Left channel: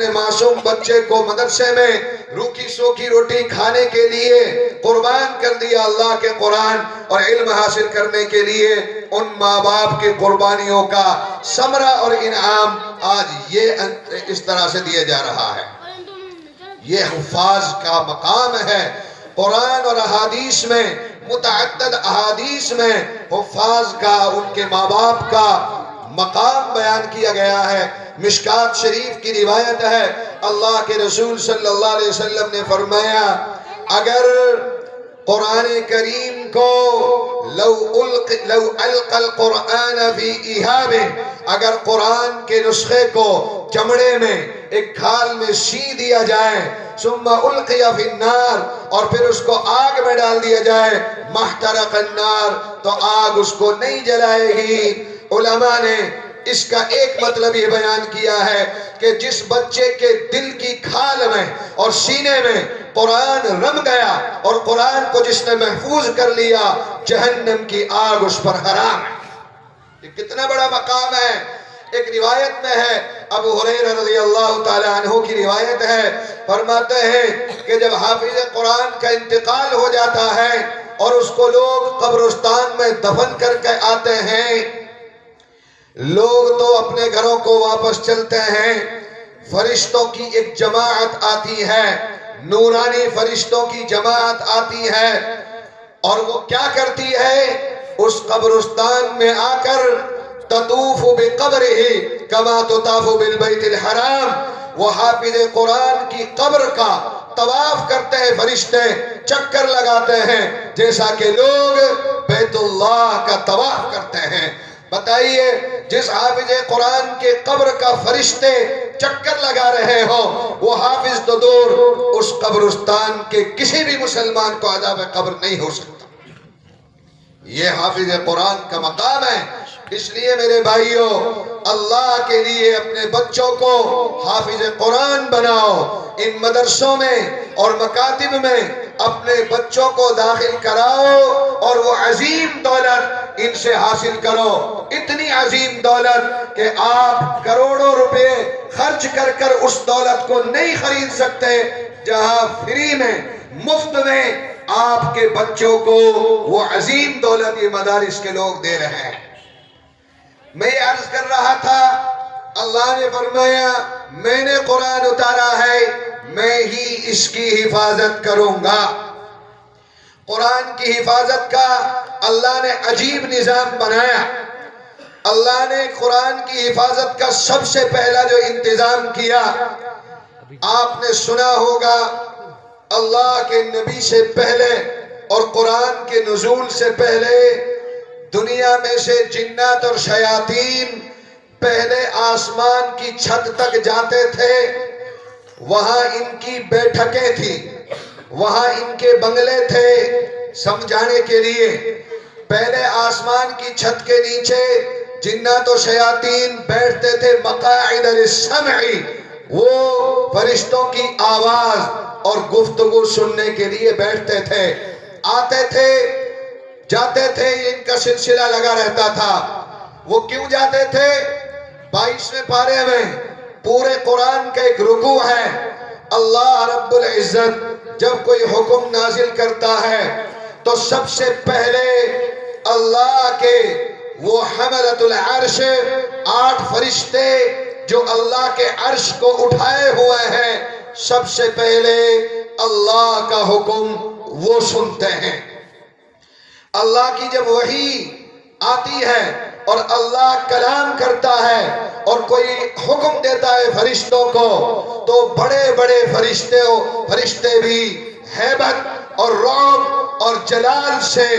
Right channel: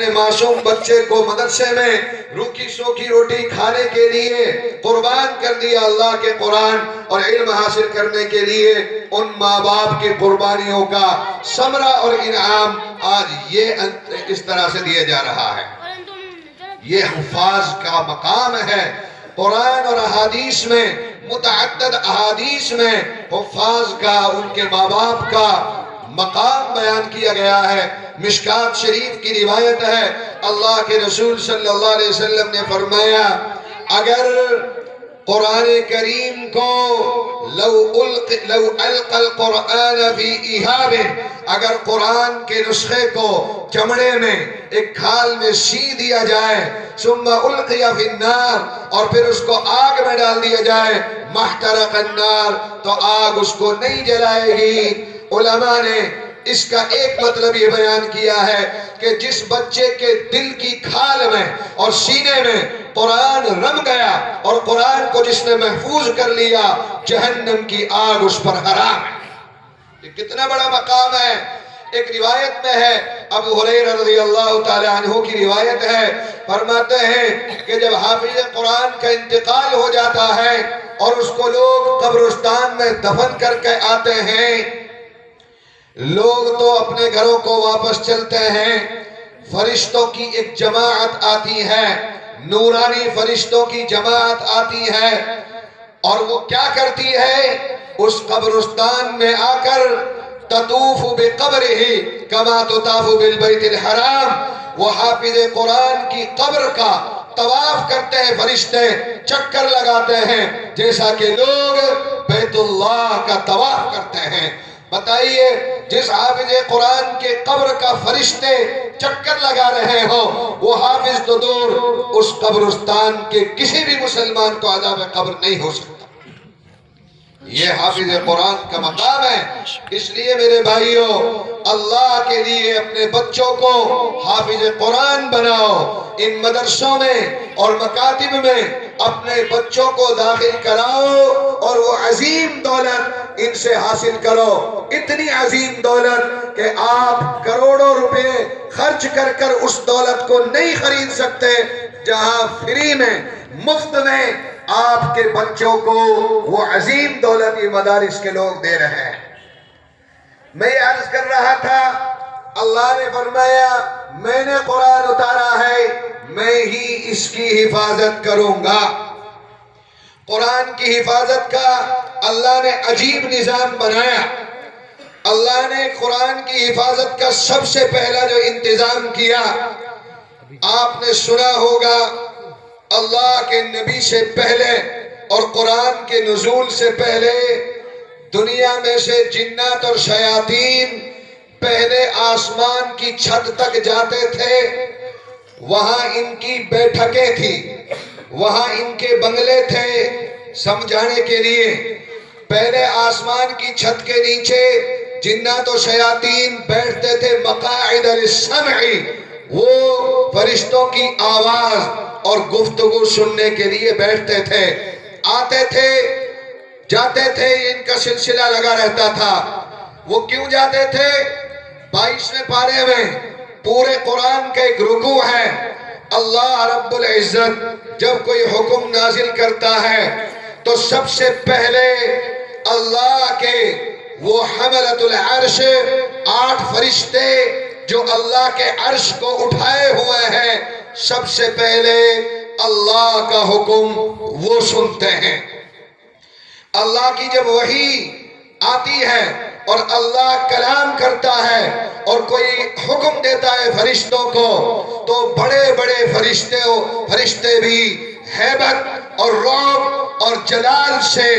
اپنے معصوم بچے کو مدرسے میں روکھی سوکھی روٹی کھانے کے لیے قربان کر دیا اللہ کے قرآن اور علم حاصل کرنے کے لیے، ان ماں باپ کی قربانیوں کا ثمرہ اور انعام آج یہ اس طرح سے دیا جا رہا ہے۔ یہ حفاظ کا مقام ہے۔ قرآن اور احادیث میں، متعدد احادیث میں حفاظ کا، ان کے ماں باپ کا مقام بیان کیا گیا ہے۔ مشکات شریف کی روایت ہے، اللہ کے رسول صلی اللہ علیہ وسلم نے فرمایا، اگر قرآن کریم کو لو القى القرآن فی ایہاب، اگر قرآن کے نسخے کو چمڑے میں ایک کھال میں سی دیا جائے، ثم القی فی النار، اور پھر اس کو آگ میں ڈال دیا جائے، محترق النار، تو آگ اس کو نہیں جلائے گی۔ علماء نے اس کا ایک مطلب یہ بیان کیا ہے کہ جس بچے کے دل کی کھال میں اور سینے میں قرآن رم گیا اور قرآن کو جس نے محفوظ کر لیا، جہنم کی آگ اس پر حرام ہے۔ یہ کتنا بڑا مقام ہے۔ ایک روایت میں ہے، ابو ہریرہ رضی اللہ تعالی عنہ کی روایت ہے، فرماتے ہیں کہ جب حافظ قرآن کا انتقال ہو جاتا ہے اور اس کو لوگ قبرستان میں دفن کر کے آتے ہیں، لوگ تو اپنے گھروں کو واپس چلتے ہیں، فرشتوں کی ایک جماعت آتی ہے، نورانی فرشتوں کی جماعت آتی ہے، اور وہ کیا کرتی ہے؟ اس قبرستان میں آ کر تطوف بقبرہ کما تطاف بالبیت الحرام، وہ حافظ قرآن کی قبر کا طواف کرتے ہیں، فرشتے چکر لگاتے ہیں جیسا کہ لوگ بیت اللہ کا طواف کرتے ہیں۔ بتائیے، جس حافظ قرآن کے قبر کا فرشتے چکر لگا رہے ہو، وہ حافظ تو دور، اس قبرستان کے کسی بھی مسلمان کو عذاب قبر نہیں ہو سکتا۔ یہ حافظ قرآن کا مقام ہے۔ اس لیے میرے بھائیوں، اللہ کے لیے اپنے بچوں کو حافظ قرآن بناؤ، ان مدرسوں میں اور مکاتب میں اپنے بچوں کو داخل کراؤ، اور وہ عظیم دولت ان سے حاصل کرو، اتنی عظیم دولت کہ آپ کروڑوں روپے خرچ کر کر اس دولت کو نہیں خرید سکتے، جہاں فری میں، مفت میں آپ کے بچوں کو وہ عظیم دولت یہ مدارس کے لوگ دے رہے ہیں۔ میں یہ عرض کر رہا تھا، اللہ نے فرمایا میں نے قرآن اتارا ہے، میں ہی اس کی حفاظت کروں گا۔ قرآن کی حفاظت کا اللہ نے عجیب نظام بنایا۔ اللہ نے قرآن کی حفاظت کا سب سے پہلا جو انتظام کیا، آپ نے سنا ہوگا، اللہ کے نبی سے پہلے اور قرآن کے نزول سے پہلے دنیا میں سے جنات اور شیاطین پہلے آسمان کی چھت تک جاتے تھے، وہاں ان کی بیٹھکیں تھی، وہاں ان کے بنگلے تھے۔ سمجھانے کے لیے، پہلے آسمان کی چھت کے نیچے جنات و شیاطین بیٹھتے تھے، مقاعد للسمع، وہ فرشتوں کی آواز اور گفتگو سننے کے لیے بیٹھتے تھے، آتے تھے جاتے تھے، ان کا سلسلہ لگا رہتا تھا۔ وہ کیوں جاتے تھے؟ 22ویں پارے میں پورے قرآن کا ایک رکوع ہے۔ اللہ رب العزت جب کوئی حکم نازل کرتا ہے تو سب سے پہلے اللہ کے وہ حملۃ العرش 8 فرشتے جو اللہ کے عرش کو اٹھائے ہوئے ہیں، سب سے پہلے اللہ کا حکم وہ سنتے ہیں۔ اللہ کی جب وحی آتی ہے اور اللہ کلام کرتا ہے اور کوئی حکم دیتا ہے فرشتوں کو، تو بڑے بڑے فرشتے بھی ہیبت اور رعب اور جلال سے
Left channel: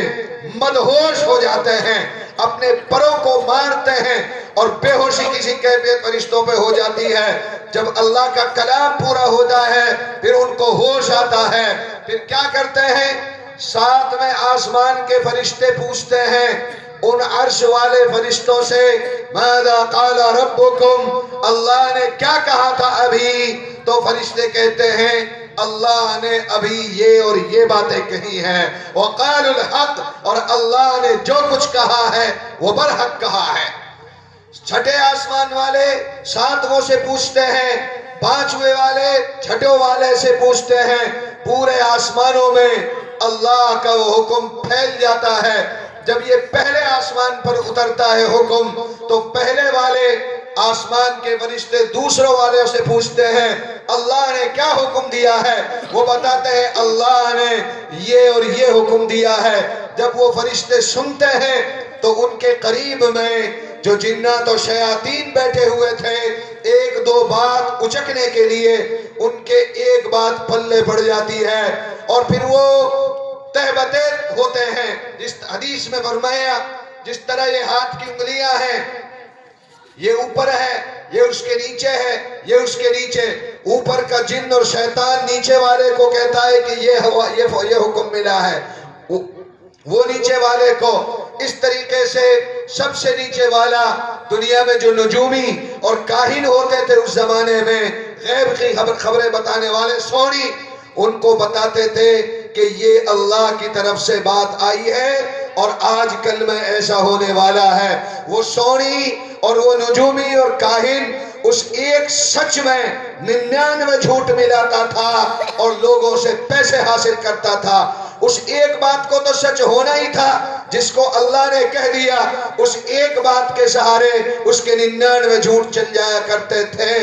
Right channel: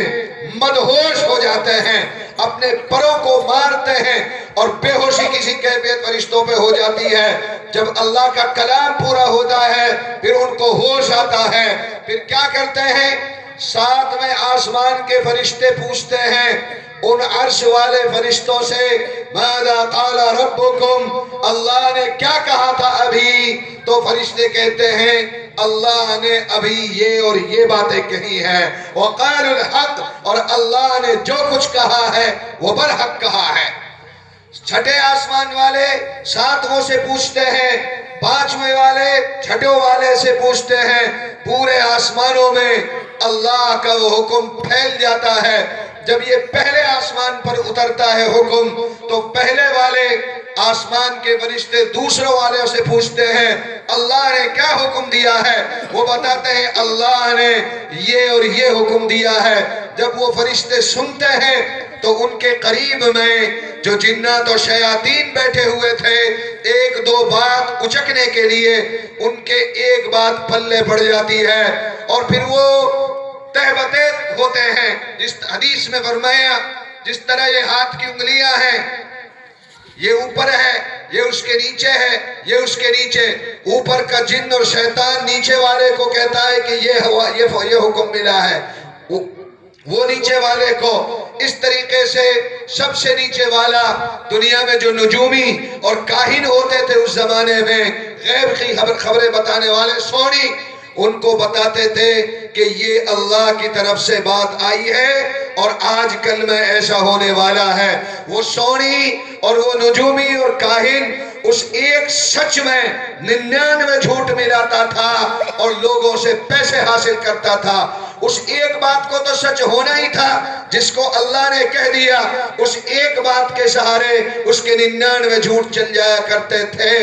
مدہوش ہو جاتے ہیں، اپنے پروں کو مارتے ہیں، اور بے ہوشی کسی کیفیت فرشتوں پہ ہو جاتی ہے۔ جب اللہ کا کلام پورا ہوتا ہے پھر ان کو ہوش آتا ہے، پھر کیا کرتے ہیں؟ 7ویں آسمان کے فرشتے پوچھتے ہیں ان عرش والے فرشتوں سے، ماذا قال ربکم، اللہ نے کیا کہا تھا ابھی؟ تو فرشتے کہتے ہیں اللہ نے ابھی یہ اور یہ باتیں کہی ہیں، وقال الحق، اور اللہ نے جو کچھ کہا ہے وہ برحق کہا ہے۔ 6 آسمان والے 7ووں سے پوچھتے ہیں پانچویں والے چھٹوں والے سے پوچھتے ہیں، پورے آسمانوں میں اللہ کا وہ حکم پھیل جاتا ہے۔ جب یہ پہلے آسمان پر اترتا ہے حکم، تو پہلے والے آسمان کے فرشتے دوسروں والے سے پوچھتے ہیں اللہ نے کیا حکم دیا ہے؟ وہ بتاتے ہیں اللہ نے یہ اور یہ حکم دیا ہے۔ جب وہ فرشتے سنتے ہیں تو ان کے قریب میں جو جنات و شیاطین بیٹھے ہوئے تھے، ایک دو بات اچکنے کے لیے ان کے ایک بات پلے پڑ جاتی ہے، اور پھر وہ تہبتے ہوتے ہیں۔ جس حدیث میں فرمایا جس طرح یہ ہاتھ کی انگلیاں ہیں، یہ اوپر ہے، یہ اس کے نیچے ہے، یہ اس کے نیچے، اوپر کا جن اور شیطان نیچے والے کو کہتا ہے کہ یہ حکم ملا ہے، وہ نیچے والے کو۔ اس طریقے سے سب سے نیچے والا دنیا میں جو نجومی اور کاہن ہوتے تھے اس زمانے میں، غیب کی خبریں بتانے والے سونی، ان کو بتاتے تھے کہ یہ اللہ کی طرف سے بات آئی ہے اور آج کل میں ایسا ہونے والا ہے۔ وہ سونی اور وہ نجومی اور کاہن اس ایک سچ میں 99 جھوٹ ملاتا تھا اور لوگوں سے پیسے حاصل کرتا تھا۔ اس ایک بات کو تو سچ ہونا ہی تھا جس کو اللہ نے کہہ دیا، اس ایک بات کے سہارے اس کے 99 جھوٹ چل جایا کرتے تھے۔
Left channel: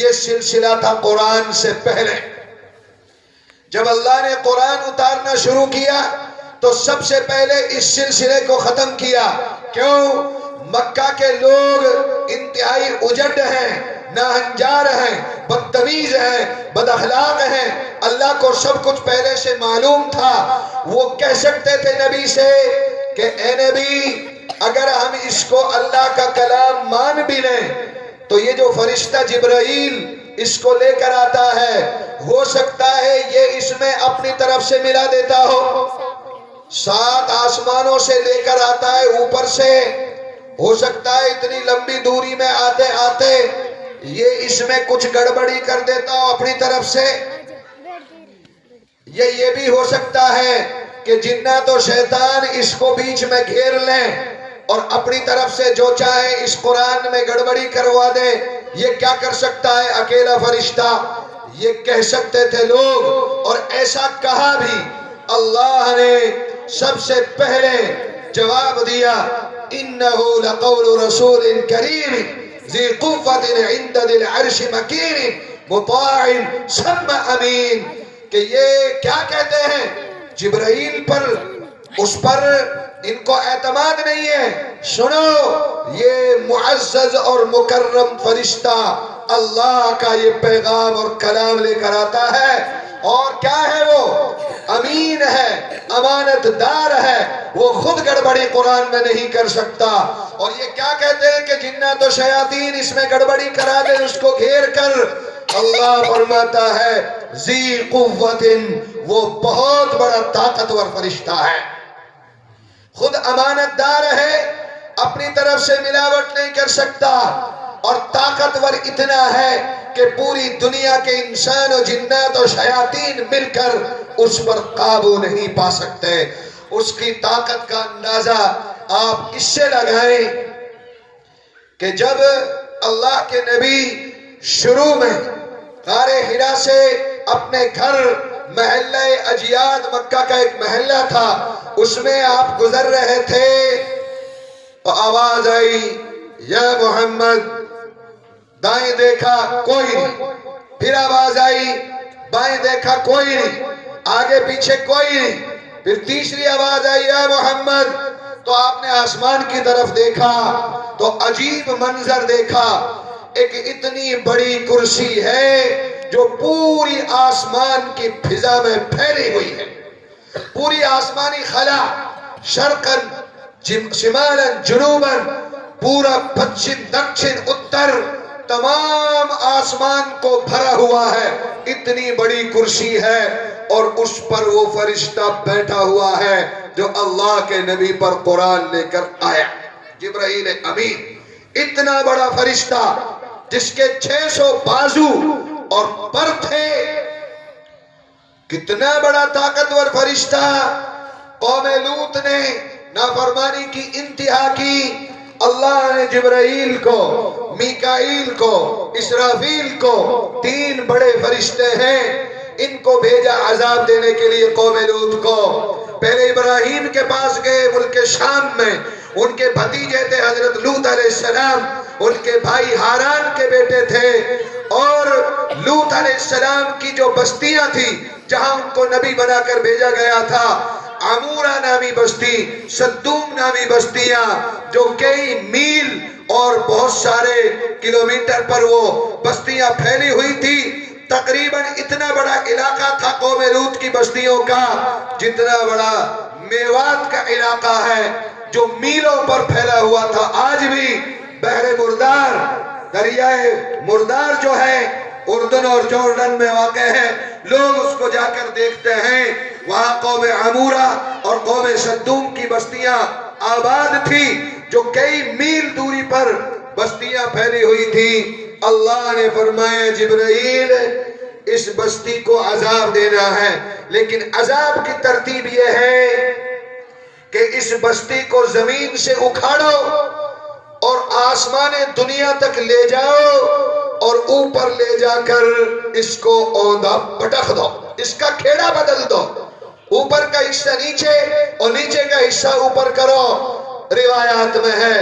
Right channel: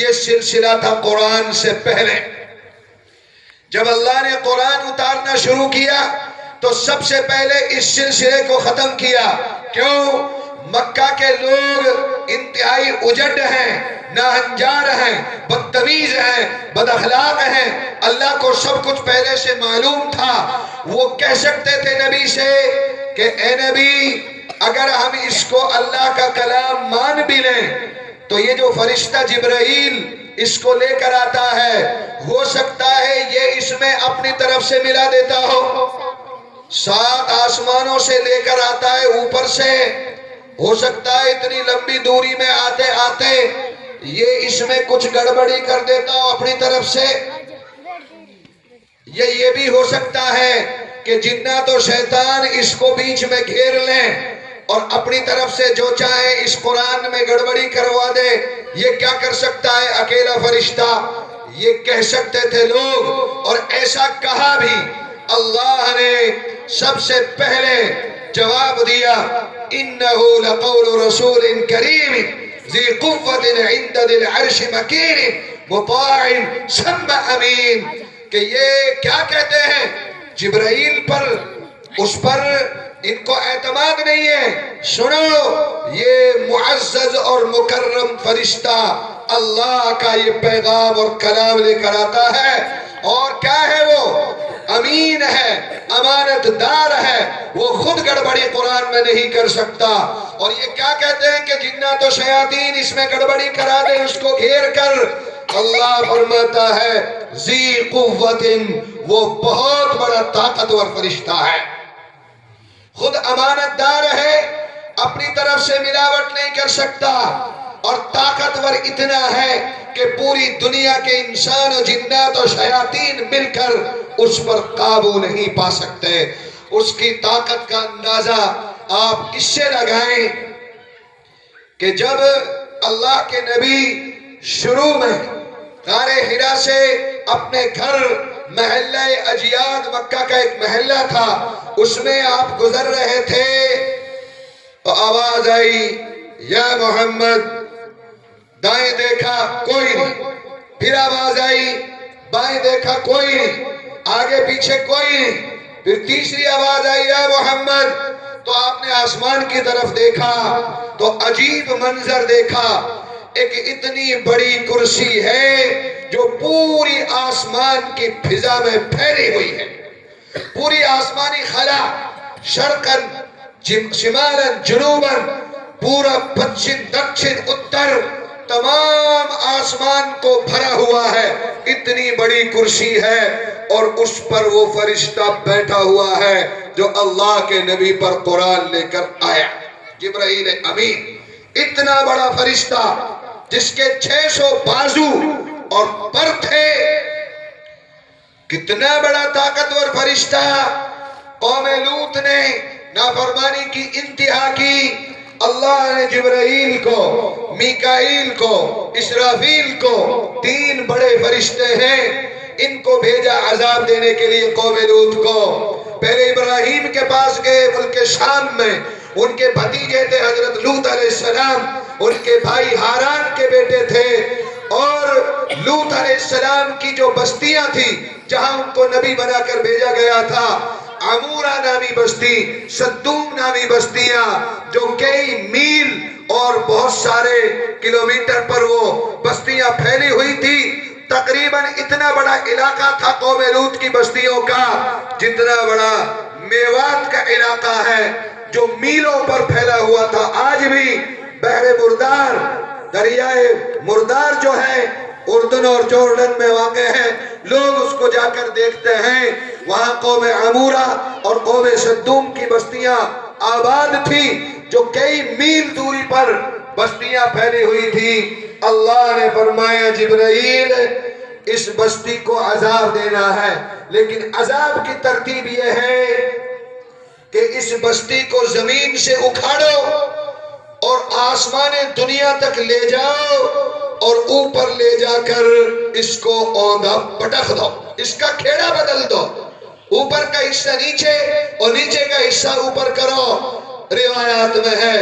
یہ سلسلہ تھا قرآن سے پہلے۔ جب اللہ نے قرآن اتارنا شروع کیا تو سب سے پہلے اس سلسلے کو ختم کیا۔ کیوں؟ مکہ کے لوگ انتہائی اجڑ ہیں، ناہنجار ہیں، بدتمیز ہیں، بد اخلاق ہیں۔ اللہ کو سب کچھ پہلے سے معلوم تھا۔ وہ کہہ سکتے تھے نبی سے کہ اے نبی، اگر ہم اس کو اللہ کا کلام مان بھی لیں تو یہ جو فرشتہ جبرائیل اس کو لے کر آتا ہے، ہو سکتا ہے یہ اس میں اپنی طرف سے ملا دیتا ہو۔ 7 آسمانوں سے لے کر آتا ہے اوپر سے، ہو سکتا ہے اتنی لمبی دوری میں آتے آتے یہ اس میں کچھ گڑبڑی کر دیتا ہو اپنی طرف سے۔ یہ بھی ہو سکتا ہے کہ جنات و شیطان اس کو بیچ میں گھیر لیں اور اپنی طرف سے جو چاہے اس قرآن میں گڑبڑی کروا دے۔ یہ کیا کر سکتا ہے اکیلا فرشتہ؟ یہ کہہ سکتے تھے لوگ، اور ایسا کہا بھی۔ اللہ نے سب سے پہلے جواب دیا، إِنَّهُ لَقَوْلُ رَسُولٍ كَرِيمٍ ذِي قُوَّةٍ عِنْدَ ذِي الْعَرْشِ مَكِينٍ مُطَاعٍ ثَمَّ أَمِينٍ۔ کہ یہ کیا کہتے ہیں جبرائیل پر، اس پر ان کو اعتماد نہیں ہے۔ سنو، یہ معزز اور مکرم فرشتہ اللہ کا یہ پیغام اور کلام لے کر آتا ہے، اور کیا ہے وہ؟ امین ہے، امانت دار ہے، وہ خود گڑبڑی قرآن میں نہیں کر سکتا۔ اور یہ کیا کہتے ہیں کہ جنات و شیاطین اس میں گڑبڑی کرا دے اس کو گھیر کر؟ اللہ فرماتا ہے ذی قوت، وہ بہت بڑا طاقتور فرشتہ ہے، خود امانت دار ہے، اپنی طرف سے ملاوٹ نہیں کر سکتا، اور طاقتور اتنا ہے کہ پوری دنیا کے انسان و جنات و شیاطین مل کر اس پر قابو نہیں پا سکتے۔ اس کی طاقت کا اندازہ آپ اس سے لگائیں کہ جب اللہ کے نبی شروع میں غار حرا سے اپنے گھر محلہ اجیاد، مکہ کا ایک محلہ تھا، اس میں آپ گزر رہے تھے تو آواز آئی یا محمد۔ دائیں دیکھا کوئی نہیں، پھر آواز آئی، بائیں دیکھا کوئی نہیں، آگے پیچھے کوئی نہیں، پھر تیسری آواز آئی یا محمد۔ تو آپ نے آسمان کی طرف دیکھا تو عجیب منظر دیکھا، ایک اتنی بڑی کرسی ہے جو پوری آسمان کی فضا میں پھیلی ہوئی ہے۔ پوری آسمانی خلا، شرقاً شمالاً جنوباً، پورا پچھم دکشن اتر، تمام آسمان کو بھرا ہوا ہے۔ اتنی بڑی کرسی ہے اور اس پر وہ فرشتہ بیٹھا ہوا ہے جو اللہ کے نبی پر قرآن لے کر آیا، جبرائیل امین۔ اتنا بڑا فرشتہ جس کے 600 بازو اور پر تھے، کتنا بڑا طاقتور فرشتہ۔ قوم لوط نے نافرمانی کی انتہا کی، اللہ نے جبرائیل کو، میکائیل کو، اسرافیل کو، 3 بڑے فرشتے ہیں، ان کو بھیجا عذاب دینے کے لیے قوم لوط کو۔ پہلے ابراہیم کے پاس گئے ملک شام میں، ان کے بھتیجے تھے حضرت لوط علیہ السلام، ان کے بھائی ہاران کے بیٹے تھے، اور لوط علیہ السلام کی جو بستیاں تھی جہاں ان کو نبی بنا کر بھیجا گیا تھا، عمورہ نامی بستی، صدوم نامی بستیاں، جو کئی میل اور بہت سارے کلومیٹر پر وہ بستیاں پھیلی ہوئی تھی۔ تقریباً اتنا بڑا علاقہ تھا قوم لوط کی بستیوں کا جتنا بڑا میوات کا علاقہ ہے، جو میلوں پر پھیلا ہوا تھا۔ آج بھی بحر مردار، دریائے مردار جو ہے اردن اور جورڈن میں واقع ہے، لوگ اس کو جا کر دیکھتے ہیں۔ وہاں قوم عمورہ اور قوم صدوم کی بستیاں آباد تھی، جو کئی میل دوری پر بستیاں پھیلی ہوئی تھی۔ اللہ نے فرمایا جبرائیل اس بستی کو عذاب دینا ہے، لیکن عذاب کی ترتیب یہ ہے کہ اس بستی کو زمین سے اکھاڑو اور آسمان دنیا تک لے جاؤ اور اوپر لے جا کر اس کو اوندا پٹخ دو، اس کا کھیڑا بدل دو، اوپر کا حصہ نیچے اور نیچے کا حصہ اوپر کرو۔ روایات میں ہے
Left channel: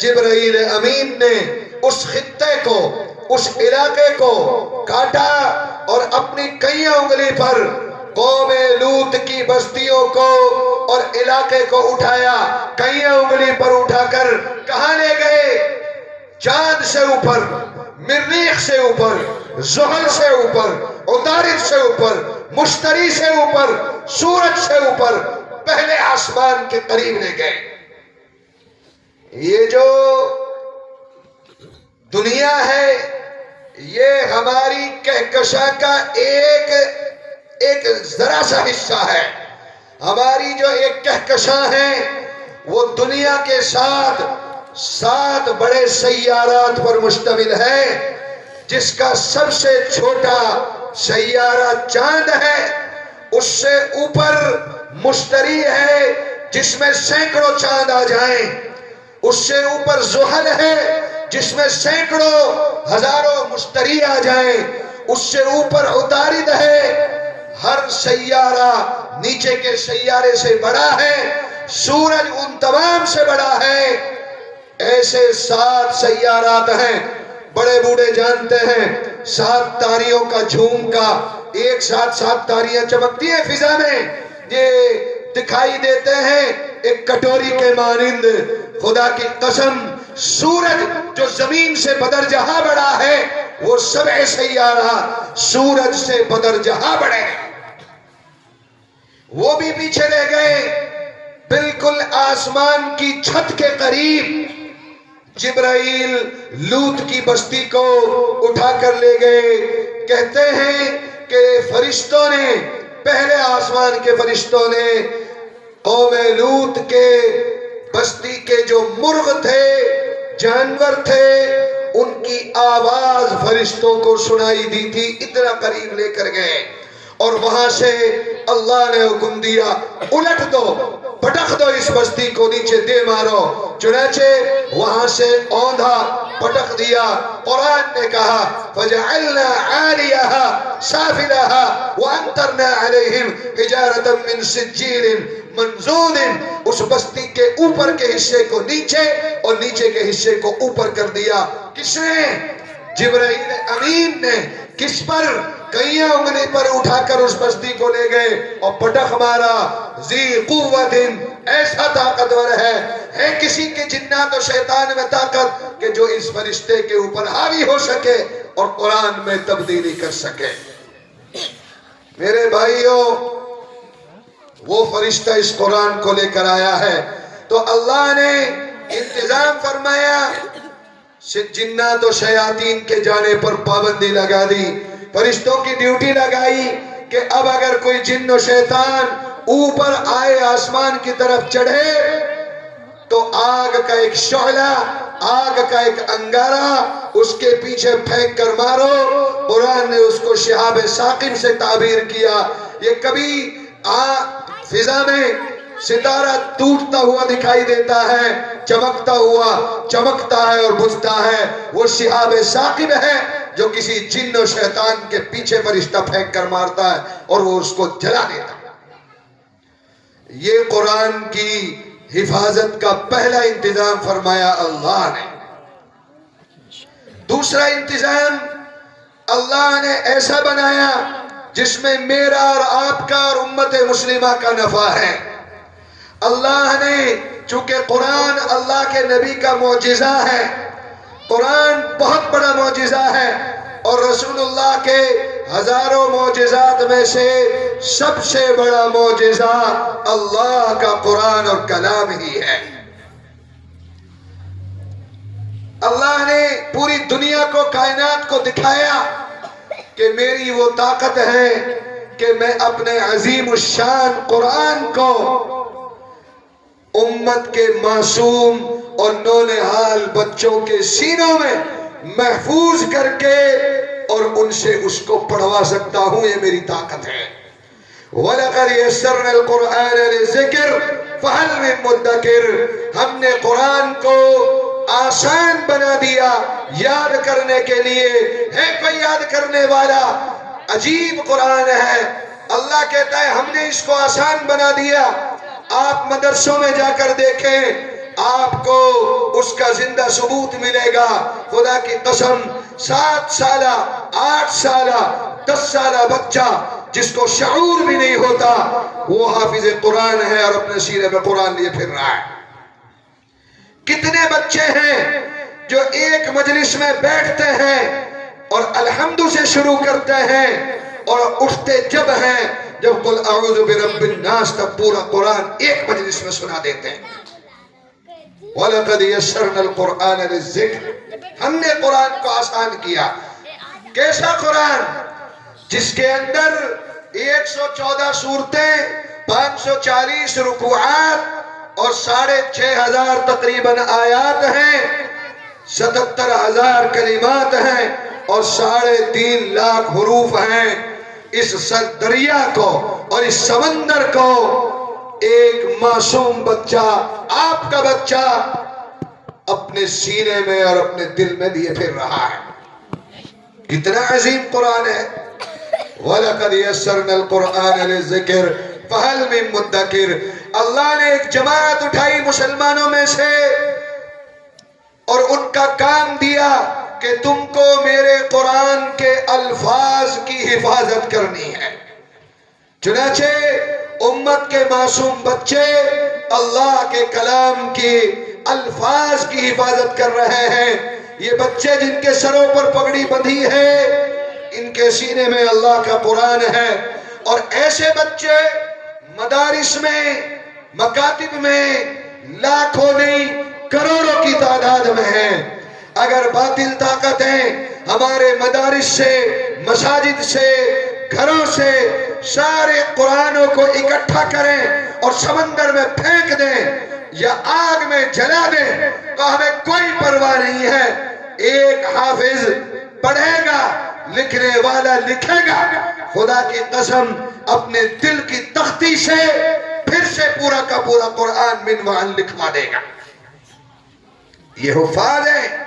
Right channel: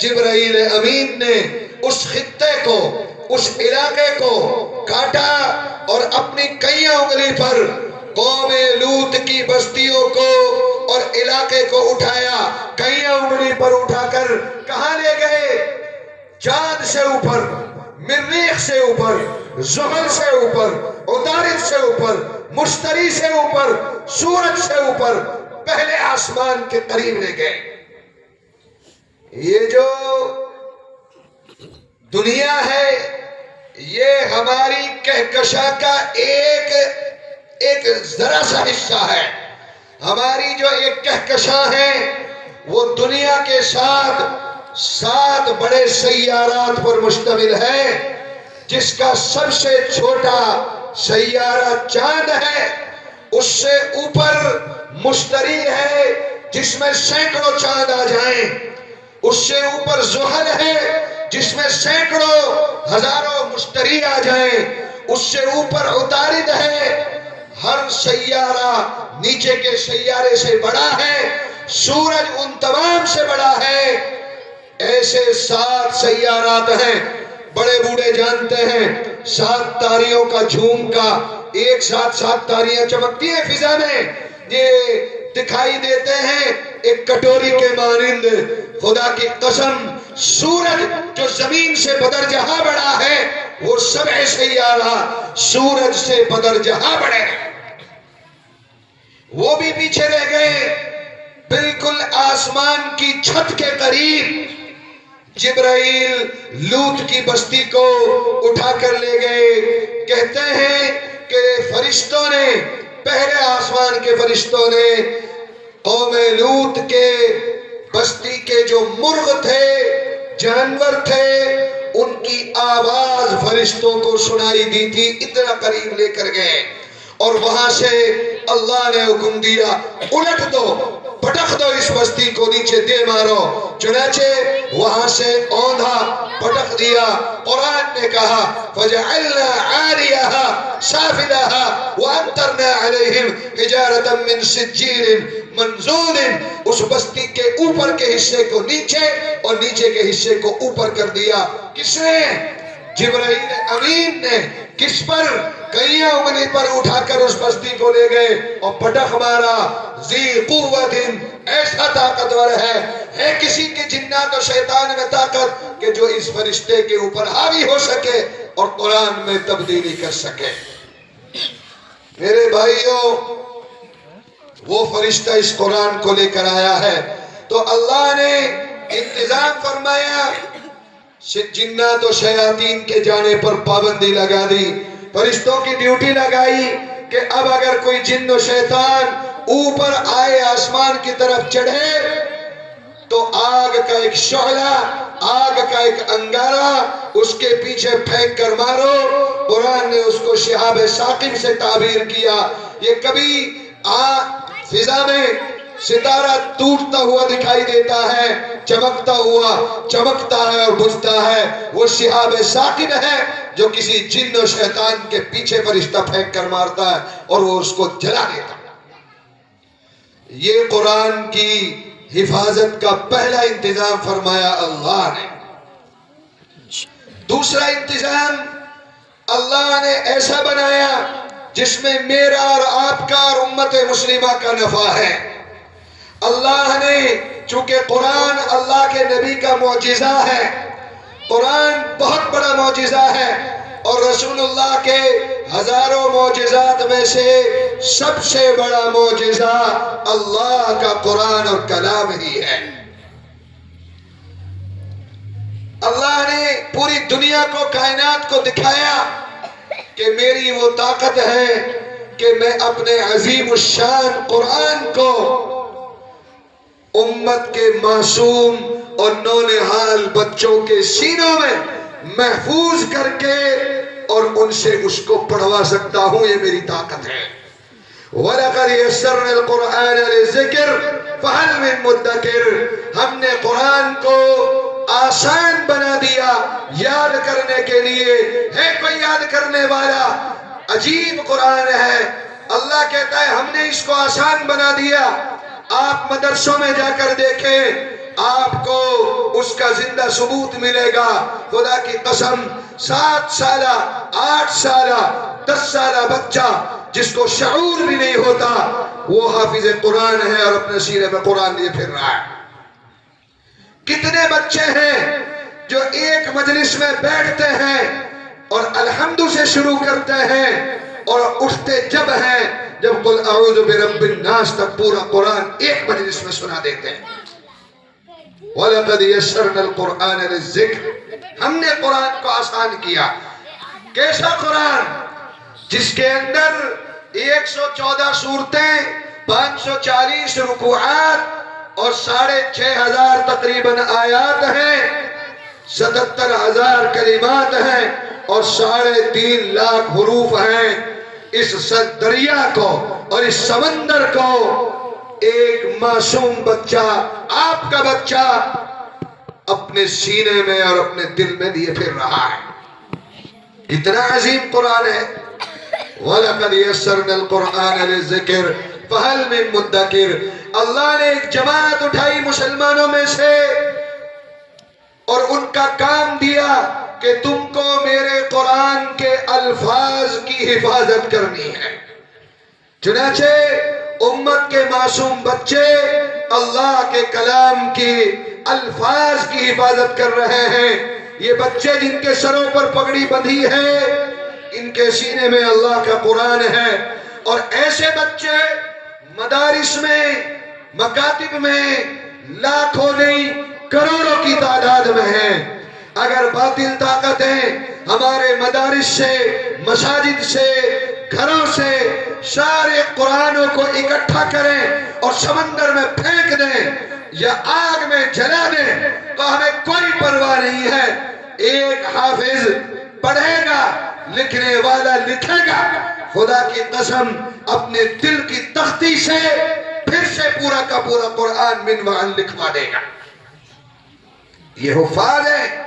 جبرائیل امین نے اس خطے کو، اس علاقے کو کاٹا اور اپنی کئیاں انگلی پر قوم لوط کی بستیوں کو اور علاقے کو اٹھایا، کئیاں انگلی پر اٹھا کر کہاں لے گئے؟ چاند سے اوپر، مریخ سے اوپر، زحل سے اوپر، عطارد سے اوپر، مشتری سے اوپر، سورج سے اوپر، پہلے آسمان کے قریب لے گئے۔ یہ جو دنیا ہے یہ ہماری کہکشاں کا ایک ذرا سا حصہ ہے۔ ہماری جو ایک کہکشاں ہے وہ دنیا کے ساتھ 7 بڑے سیارات پر مشتمل ہے، جس کا سب سے چھوٹا سیارہ چاند ہے، اس سے اوپر مشتری ہے جس میں سینکڑوں چاند آ جائیں، اس سے اوپر زحل ہے جس میں سینکڑوں ہزاروں مشتری آ جائیں، اس سے اوپر عطارد ہے۔ ہر سیارہ نیچے کے سیارے سے بڑا ہے، سورج ان تمام سے بڑا ہے۔ ایسے 7 سیارات ہیں، بڑے بوڑھے جانتے ہیں 7 تاریوں کا جھومکا، ایک ساتھ 7 تاریاں چمکتی ہیں فضا میں، یہ دکھائی دیتے ہیں ایک کٹوری کے مانند۔ خدا کی قسم سورج جو زمین سے بدر جہاں بڑا ہے، وہ 7 سیارہ سورج سے بدر جہاں بڑے ہیں۔ وہ بھی پیچھے رہ گئے، بالکل آسمان کی چھت کے قریب جبرائیل لوط کی بستی کو اٹھا کر لے گئے۔ کہتے ہیں کہ فرشتوں نے، پہلے آسمان کے فرشتوں نے قوم لوط کے بستی کے جو مرغ تھے، جانور تھے، ان کی آواز فرشتوں کو سنائی دی تھی، اتنا قریب لے کر گئے، اور وہاں سے اللہ نے حکم دیا الٹ دو، پٹخ دو اس بستی کو، نیچے دے مارو۔ چنانچہ وہاں سے اوندھا پٹخ دیا۔ قرآن نے کہا فَجَعَلْنَا عَالِيَهَا سَافِلَهَا وَأَمْطَرْنَا عَلَيْهِمْ حِجَارَةً مِّن سِجِّيلٍ مَّنضُودٍ۔ اس بستی کے اوپر کے حصے کو نیچے اور نیچے کے حصے کو اوپر کر دیا۔ کس نے؟ جبرائیل امین نے۔ کس پر؟ کئیاں انگلی پر اٹھا کر اس بستی کو لے گئے اور پٹخ مارا۔ ذی قوت، ایسا طاقتور ہے کسی کے جنات و شیطان میں طاقت کہ جو اس فرشتے کے اوپر حاوی ہو سکے اور قرآن میں تبدیلی کر سکے۔ میرے بھائیوں، وہ فرشتہ اس قرآن کو لے کر آیا ہے تو اللہ نے انتظام فرمایا، جنات و شیاطین کے جانے پر پابندی لگا دی، فرشتوں کی ڈیوٹی لگائی کہ اب اگر کوئی جن و شیطان اوپر آئے، آسمان کی طرف چڑھے، تو آگ کا ایک شعلہ، آگ کا ایک انگارہ اس کے پیچھے پھینک کر مارو۔ قرآن نے اس کو شہاب ثاقب سے تعبیر کیا۔ یہ کبھی فضا میں ستارہ ٹوٹتا ہوا دکھائی دیتا ہے، چمکتا ہوا چمکتا ہے اور بجھتا ہے، وہ شہاب ثاقب ہے جو کسی جن و شیطان کے پیچھے فرشتہ پھینک کر مارتا ہے اور وہ اس کو جلا دیتا ہے۔ یہ قرآن کی حفاظت کا پہلا انتظام فرمایا اللہ نے۔ دوسرا انتظام اللہ نے ایسا بنایا جس میں میرا اور آپ کا اور امت مسلمہ کا نفع ہے۔ اللہ نے چونکہ قرآن اللہ کے نبی کا معجزہ ہے، قرآن بہت بڑا معجزہ ہے، اور رسول اللہ کے ہزاروں معجزات میں سے سب سے بڑا معجزہ اللہ کا قرآن اور کلام ہی ہے۔ اللہ نے پوری دنیا کو، کائنات کو دکھایا کہ میری وہ طاقت ہے کہ میں اپنے عظیم الشان قرآن کو امت کے معصوم اور نونہال بچوں کے سینوں میں محفوظ کر کے اور ان سے اس کو پڑھوا سکتا ہوں، یہ میری طاقت ہے۔ وَلَقَدْ يَسَّرْنَا الْقُرْآنَ لِلذِّكْرِ فَهَلْ مِن مُدَّكِرٍ، ہم نے قرآن کو آسان بنا دیا یاد کرنے کے لیے، ہے کوئی یاد کرنے والا؟ عجیب قرآن ہے۔ اللہ کہتا ہے ہم نے اس کو آسان بنا دیا۔ آپ مدرسوں میں جا کر دیکھیں، آپ کو اس کا زندہ ثبوت ملے گا۔ خدا کی قسم 7 سالہ 8 سالہ 10 سالہ بچہ جس کو شعور بھی نہیں ہوتا، وہ حافظ قرآن ہے اور اپنے سینے میں قرآن لیے پھر رہا ہے۔ کتنے بچے ہیں جو ایک مجلس میں بیٹھتے ہیں اور الحمد سے شروع کرتے ہیں اور اٹھتے جب ہیں جب قل اعوذ برب الناس تک پورا قرآن ایک مجلس میں سنا دیتے ہیں۔ وَلَقَدْ يَسَّرْنَا الْقُرْآنَ لِلذِّكْرِ، ہم نے قرآن کو آسان کیا۔ کیسا قرآن؟ جس کے اندر 114 سورتیں، 540 رکوعات اور 6500 تقریباً آیات ہیں، 77,000 کلمات ہیں اور 3.5 لاکھ حروف ہیں۔ اس دریا کو اور اس سمندر کو ایک معصوم بچہ، آپ کا بچہ، اپنے سینے میں اور اپنے دل میں لیے پھر رہا ہے۔ کتنا عظیم قرآن ہے۔ وَلَقَدْ يَسَّرْنَا الْقُرْآنَ لِلذِّكْرِ فَهَلْ مِن مُدَّكِرٍ، اللہ نے ایک جماعت اٹھائی مسلمانوں میں سے اور ان کا کام دیا کہ تم کو میرے قرآن کے الفاظ کی حفاظت کرنی ہے۔ چنانچہ امت کے معصوم بچے اللہ کے کلام کی الفاظ کی حفاظت کر رہے ہیں۔ یہ بچے جن کے سروں پر پگڑی بندھی ہے، ان کے سینے میں اللہ کا قرآن ہے۔ اور ایسے بچے مدارس میں، مکاتب میں لاکھوں نہیں کروڑوں کی تعداد میں ہیں۔ اگر باطل طاقتیں ہمارے مدارس سے، مساجد سے، گھروں سے سارے قرآنوں کو اکٹھا کریں اور سمندر میں پھینک دیں یا آگ میں جلا دیں تو ہمیں کوئی پرواہ نہیں ہے۔ ایک حافظ پڑھے گا، لکھنے والا لکھے گا، خدا کی قسم اپنے دل کی تختی سے پھر سے پورا کا پورا قرآن منوان لکھوا دے گا۔ یہ حفاظ ہے۔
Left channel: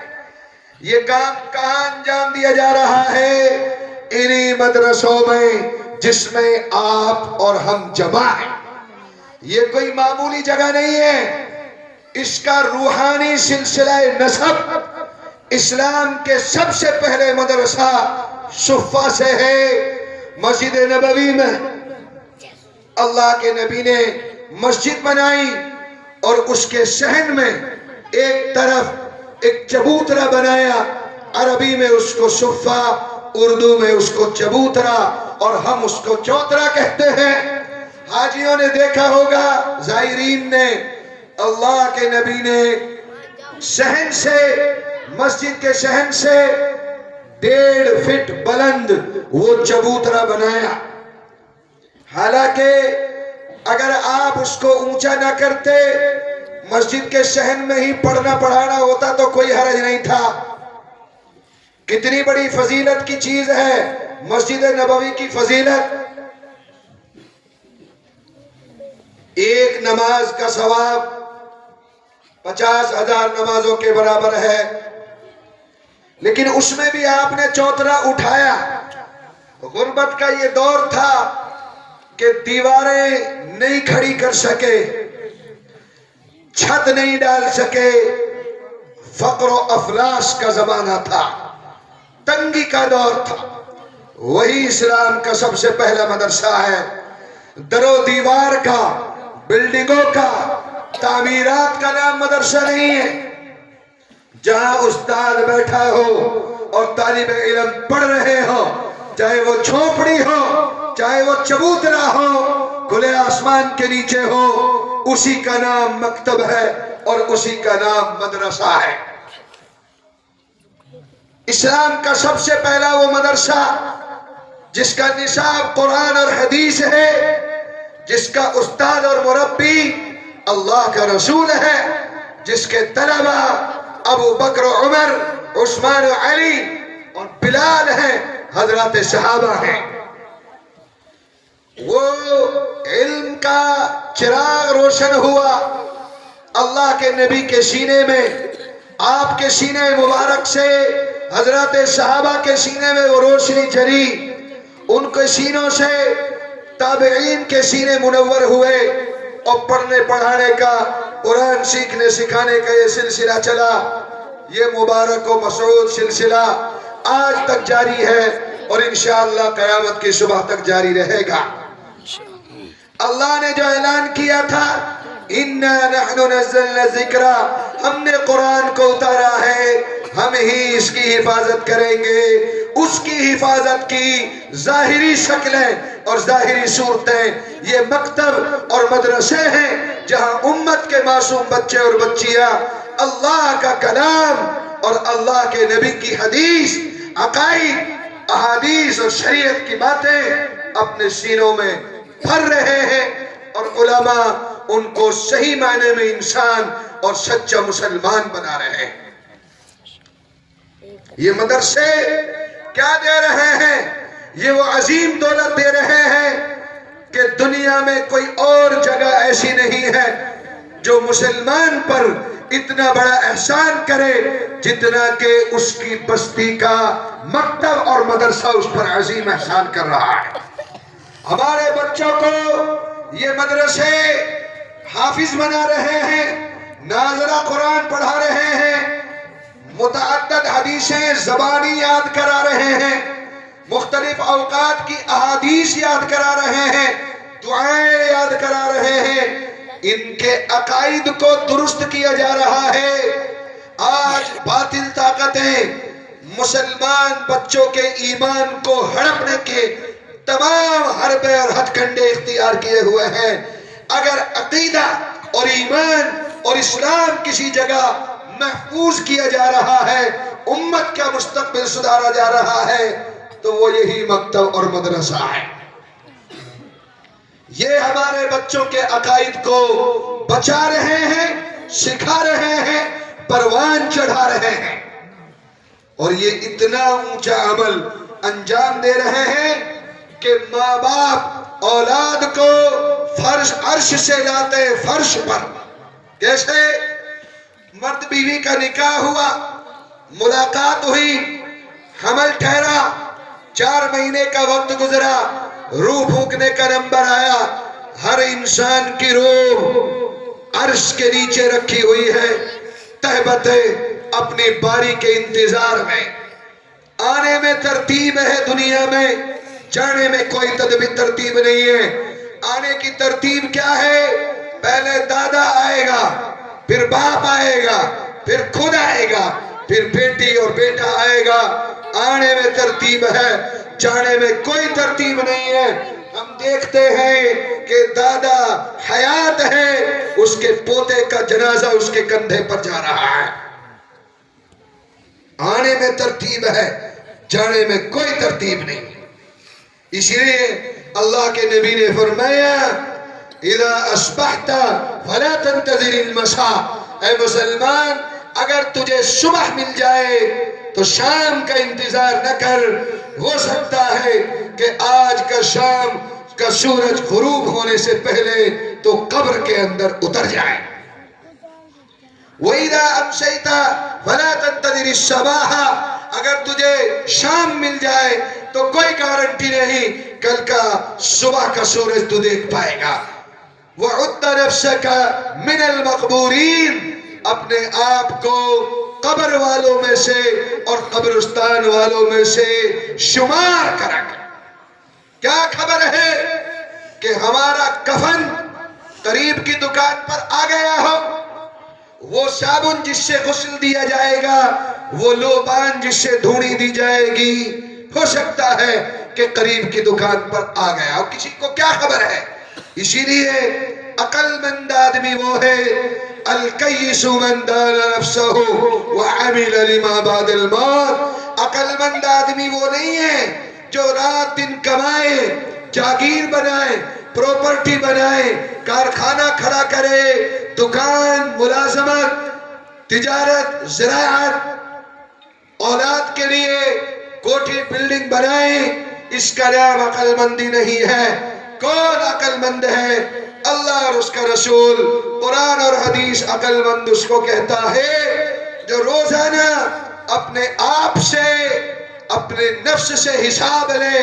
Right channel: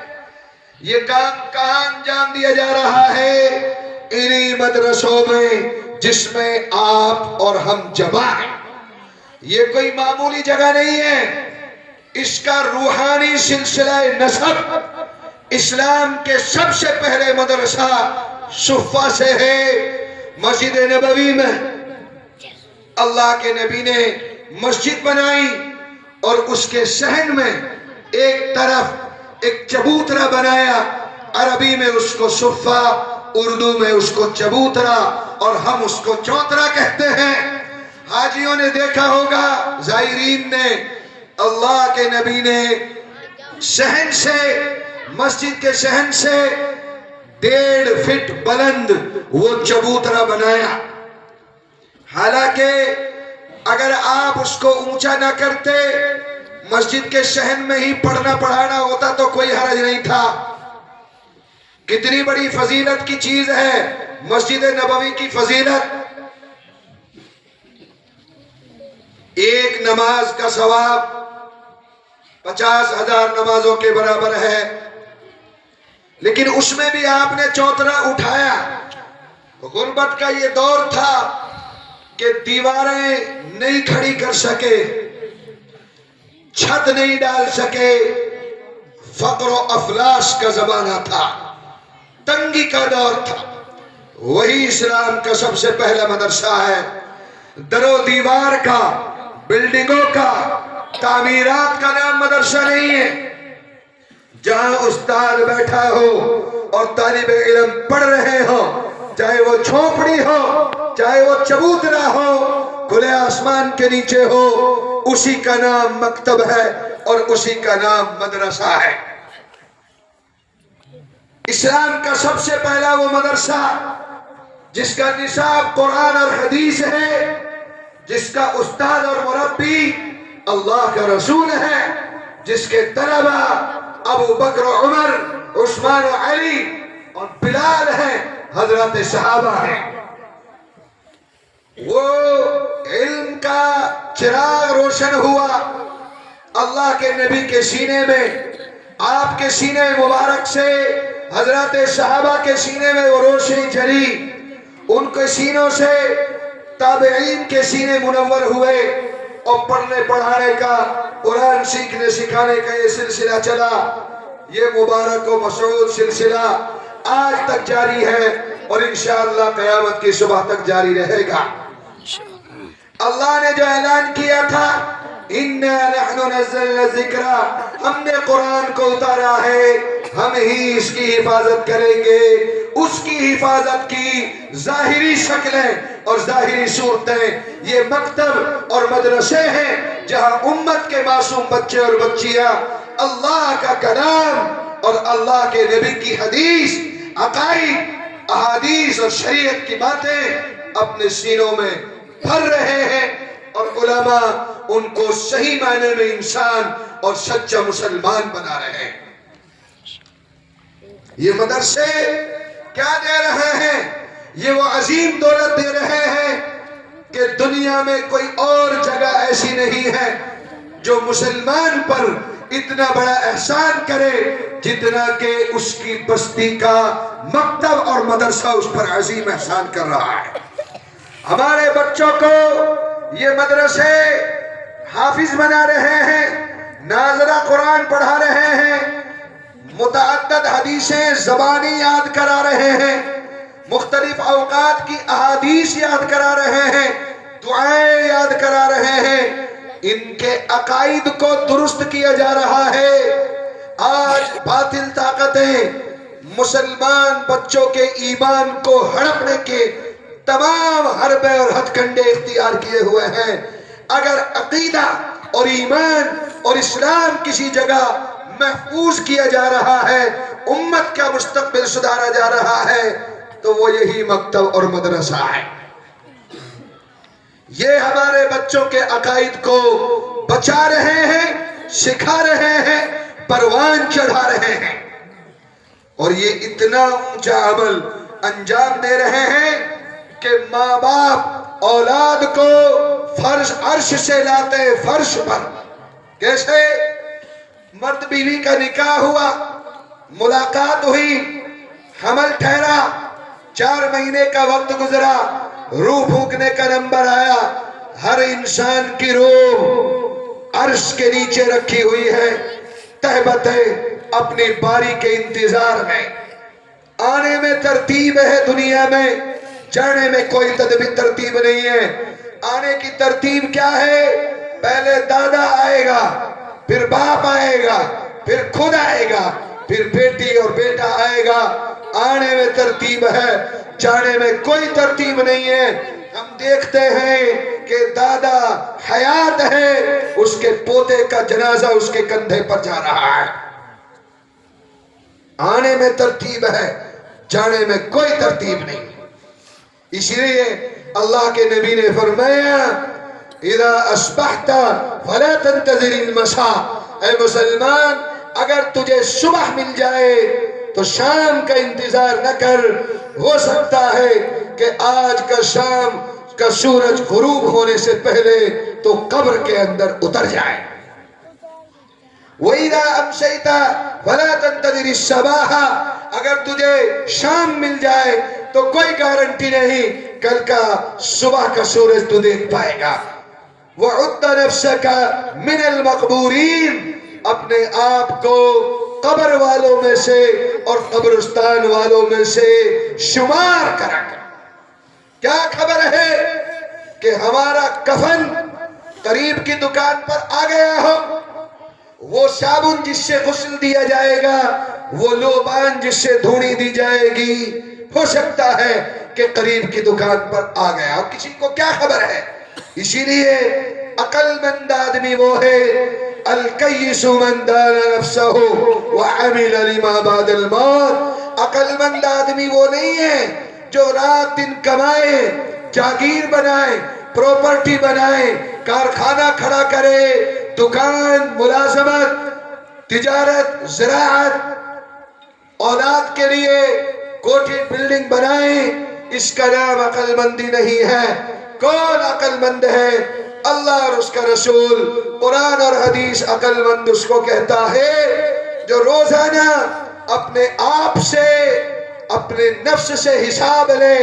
یہ کام کہاں انجام دیا جا رہا ہے؟ انہی مدرسوں میں جس میں آپ اور ہم جمع ہیں۔ یہ کوئی معمولی جگہ نہیں ہے۔ اس کا روحانی سلسلہ نسب اسلام کے سب سے پہلے مدرسہ صفہ سے ہے۔ مسجد نبوی میں اللہ کے نبی نے مسجد بنائی اور اس کے صحن میں ایک طرف ایک چبوترا بنایا، عربی میں اس کو صفہ، اردو میں اس کو چبوترا اور ہم اس کو چوترا کہتے ہیں۔ حاجیوں نے دیکھا ہوگا، زائرین نے، اللہ کے نبی نے صحن سے، مسجد کے صحن سے 1.5 فٹ بلند وہ چبوترا بنایا۔ حالانکہ اگر آپ اس کو اونچا نہ کرتے، مسجد کے صحن میں ہی پڑھنا پڑھانا ہوتا تو کوئی حرج نہیں تھا۔ کتنی بڑی فضیلت کی چیز ہے مسجد نبوی کی فضیلت۔ ایک نماز کا ثواب 50,000 نمازوں کے برابر ہے، لیکن اس میں بھی آپ نے چوترا اٹھایا۔ غربت کا یہ دور تھا کہ دیواریں نہیں کھڑی کر سکے، چھت نہیں ڈال سکے، فقر و افلاس کا زمانہ تھا، تنگی کا دور تھا۔ وہی اسلام کا سب سے پہلا مدرسہ ہے، در و دیوار کا، بلڈنگوں کا، تعمیرات کا نام مدرسہ نہیں ہے۔ جہاں استاد بیٹھا ہو اور طالب علم پڑھ رہے ہو، چاہے وہ جھونپڑی ہو، چاہے وہ چبوترا ہو، کھلے آسمان کے نیچے ہو، اسی کا نام مکتب ہے اور اسی کا نام مدرسہ ہے۔ اسلام کا سب سے پہلا وہ مدرسہ جس کا نصاب قرآن اور حدیث ہے، جس کا استاد اور مربی اللہ کا رسول ہے، جس کے طلبہ ابو بکر و عمر، عثمان و علی اور بلال ہیں، حضرات صحابہ ہیں۔ وہ علم کا چراغ روشن ہوا اللہ کے نبی کے سینے میں، آپ کے سینے مبارک سے حضرات صحابہ کے سینے میں وہ روشنی چلی، ان کے سینوں سے تابعین کے سینے منور ہوئے، اور پڑھنے پڑھانے کا، قرآن سیکھنے سکھانے کا یہ سلسلہ چلا۔ یہ مبارک و مسعود سلسلہ آج تک جاری ہے اور انشاءاللہ قیامت کی صبح تک جاری رہے گا۔ اللہ نے جو اعلان کیا تھا، اِنَّا نَحْنُ نَزَّلْنَا الذِّكْرَ، ہم نے قرآن کو اتارا ہے، ہم ہی اس کی حفاظت کریں گے۔ اس کی حفاظت کی ظاہری شکلیں اور ظاہری صورتیں یہ مکتب اور مدرسے ہیں، جہاں امت کے معصوم بچے اور بچیاں اللہ کا کلام اور اللہ کے نبی کی حدیث، عقائد، احادیث اور شریعت کی باتیں اپنے سینوں میں بھر رہے ہیں، اور علماء ان کو صحیح معنی میں انسان اور سچا مسلمان بنا رہے ہیں۔ یہ مدرسے کیا دے رہے ہیں؟ یہ وہ عظیم دولت دے رہے ہیں کہ دنیا میں کوئی اور جگہ ایسی نہیں ہے جو مسلمان پر اتنا بڑا احسان کرے جتنا کہ اس کی بستی کا مکتب اور مدرسہ اس پر عظیم احسان کر رہا ہے۔ ہمارے بچوں کو یہ مدرسے حافظ بنا رہے ہیں، ناظرہ قرآن پڑھا رہے ہیں، متعدد حدیثیں زبانی یاد کرا رہے ہیں، مختلف اوقات کی احادیث یاد کرا رہے ہیں، دعائیں یاد کرا رہے ہیں، ان کے عقائد کو درست کیا جا رہا ہے۔ آج باطل طاقتیں مسلمان بچوں کے ایمان کو ہڑپنے کے تمام حربے اور ہتھ کنڈے اختیار کیے ہوئے ہیں۔ اگر عقیدہ اور ایمان اور اسلام کسی جگہ محفوظ کیا جا رہا ہے، امت کا مستقبل سدھارا جا رہا ہے، تو وہ یہی مکتب اور مدرسہ ہے۔ یہ ہمارے بچوں کے عقائد کو بچا رہے ہیں، سکھا رہے ہیں، پروان چڑھا رہے ہیں، اور یہ اتنا اونچا عمل انجام دے رہے ہیں کہ ماں باپ اولاد کو فرش عرش سے لاتے فرش پر۔ کیسے؟ مرد بیوی کا نکاح ہوا، ملاقات ہوئی، حمل ٹھہرا، 4 مہینے کا وقت گزرا، روح پھونکنے کا نمبر آیا، ہر انسان کی روح عرش کے نیچے رکھی ہوئی ہے، تہبتے اپنی باری کے انتظار میں۔ آنے میں ترتیب ہے دنیا میں، جانے میں کوئی ترتیب نہیں ہے۔ آنے کی ترتیب کیا ہے؟ پہلے دادا آئے گا، پھر باپ آئے گا، پھر خود آئے گا، پھر بیٹی اور بیٹا آئے گا۔ آنے میں ترتیب ہے، جانے میں کوئی ترتیب نہیں ہے۔ ہم دیکھتے ہیں کہ دادا حیات ہے، اس کے پوتے کا جنازہ اس کے کندھے پر جا رہا ہے۔ آنے میں ترتیب ہے، جانے میں کوئی ترتیب نہیں۔ اس لیے اللہ کے نبی نے فرمایا، اذا اصبحت فلا تنتظر المساء، اے مسلمان اگر تجھے صبح مل جائے تو شام کا انتظار نہ کر، ہو سکتا ہے کہ آج کا شام کا سورج غروب ہونے سے پہلے تو قبر کے اندر اتر جائے۔ وَإِذَا أَمْسَيْتَ فَلَا تَنْتَظِرِ الصَّبَاحَ، اگر تجھے شام مل جائے تو کوئی گارنٹی نہیں کل کا صبح کا سورج تو دیکھ پائے گا۔ وَعُدَّ نَفْسَكَ مِنَ الْمَقْبُورِينَ، اپنے آپ کو قبر والوں میں سے اور قبرستان والوں میں سے شمار کرا کر۔ کیا خبر ہے کہ ہمارا کفن قریب کی دکان پر آ گیا ہو، وہ صابن جس سے غسل دیا جائے گا، وہ لوبان جس سے دھونی دی جائے گی، ہو سکتا ہے کہ قریب کی دکان پر آ گیا، اور کسی کو کیا خبر ہے؟ اسی لیے عقل مند آدمی وہ ہے الکیس من دان نفسہ وعمل لما بعد الموت۔ عقل مند آدمی وہ نہیں ہے جو رات دن کمائے، جاگیر بنائے، پراپرٹی بنائے، کارخانہ کھڑا کرے، دکان، ملازمت، تجارت، زراعت، اولاد کے لیے کوٹھی بلڈنگ بنائے۔ اس کا نام عقل مندی نہیں ہے۔ کون عقل مند ہے؟ اللہ اور اس کا رسول، قرآن اور حدیث عقل مند اس کو کہتا ہے جو روزانہ اپنے آپ سے، اپنے نفس سے حساب لے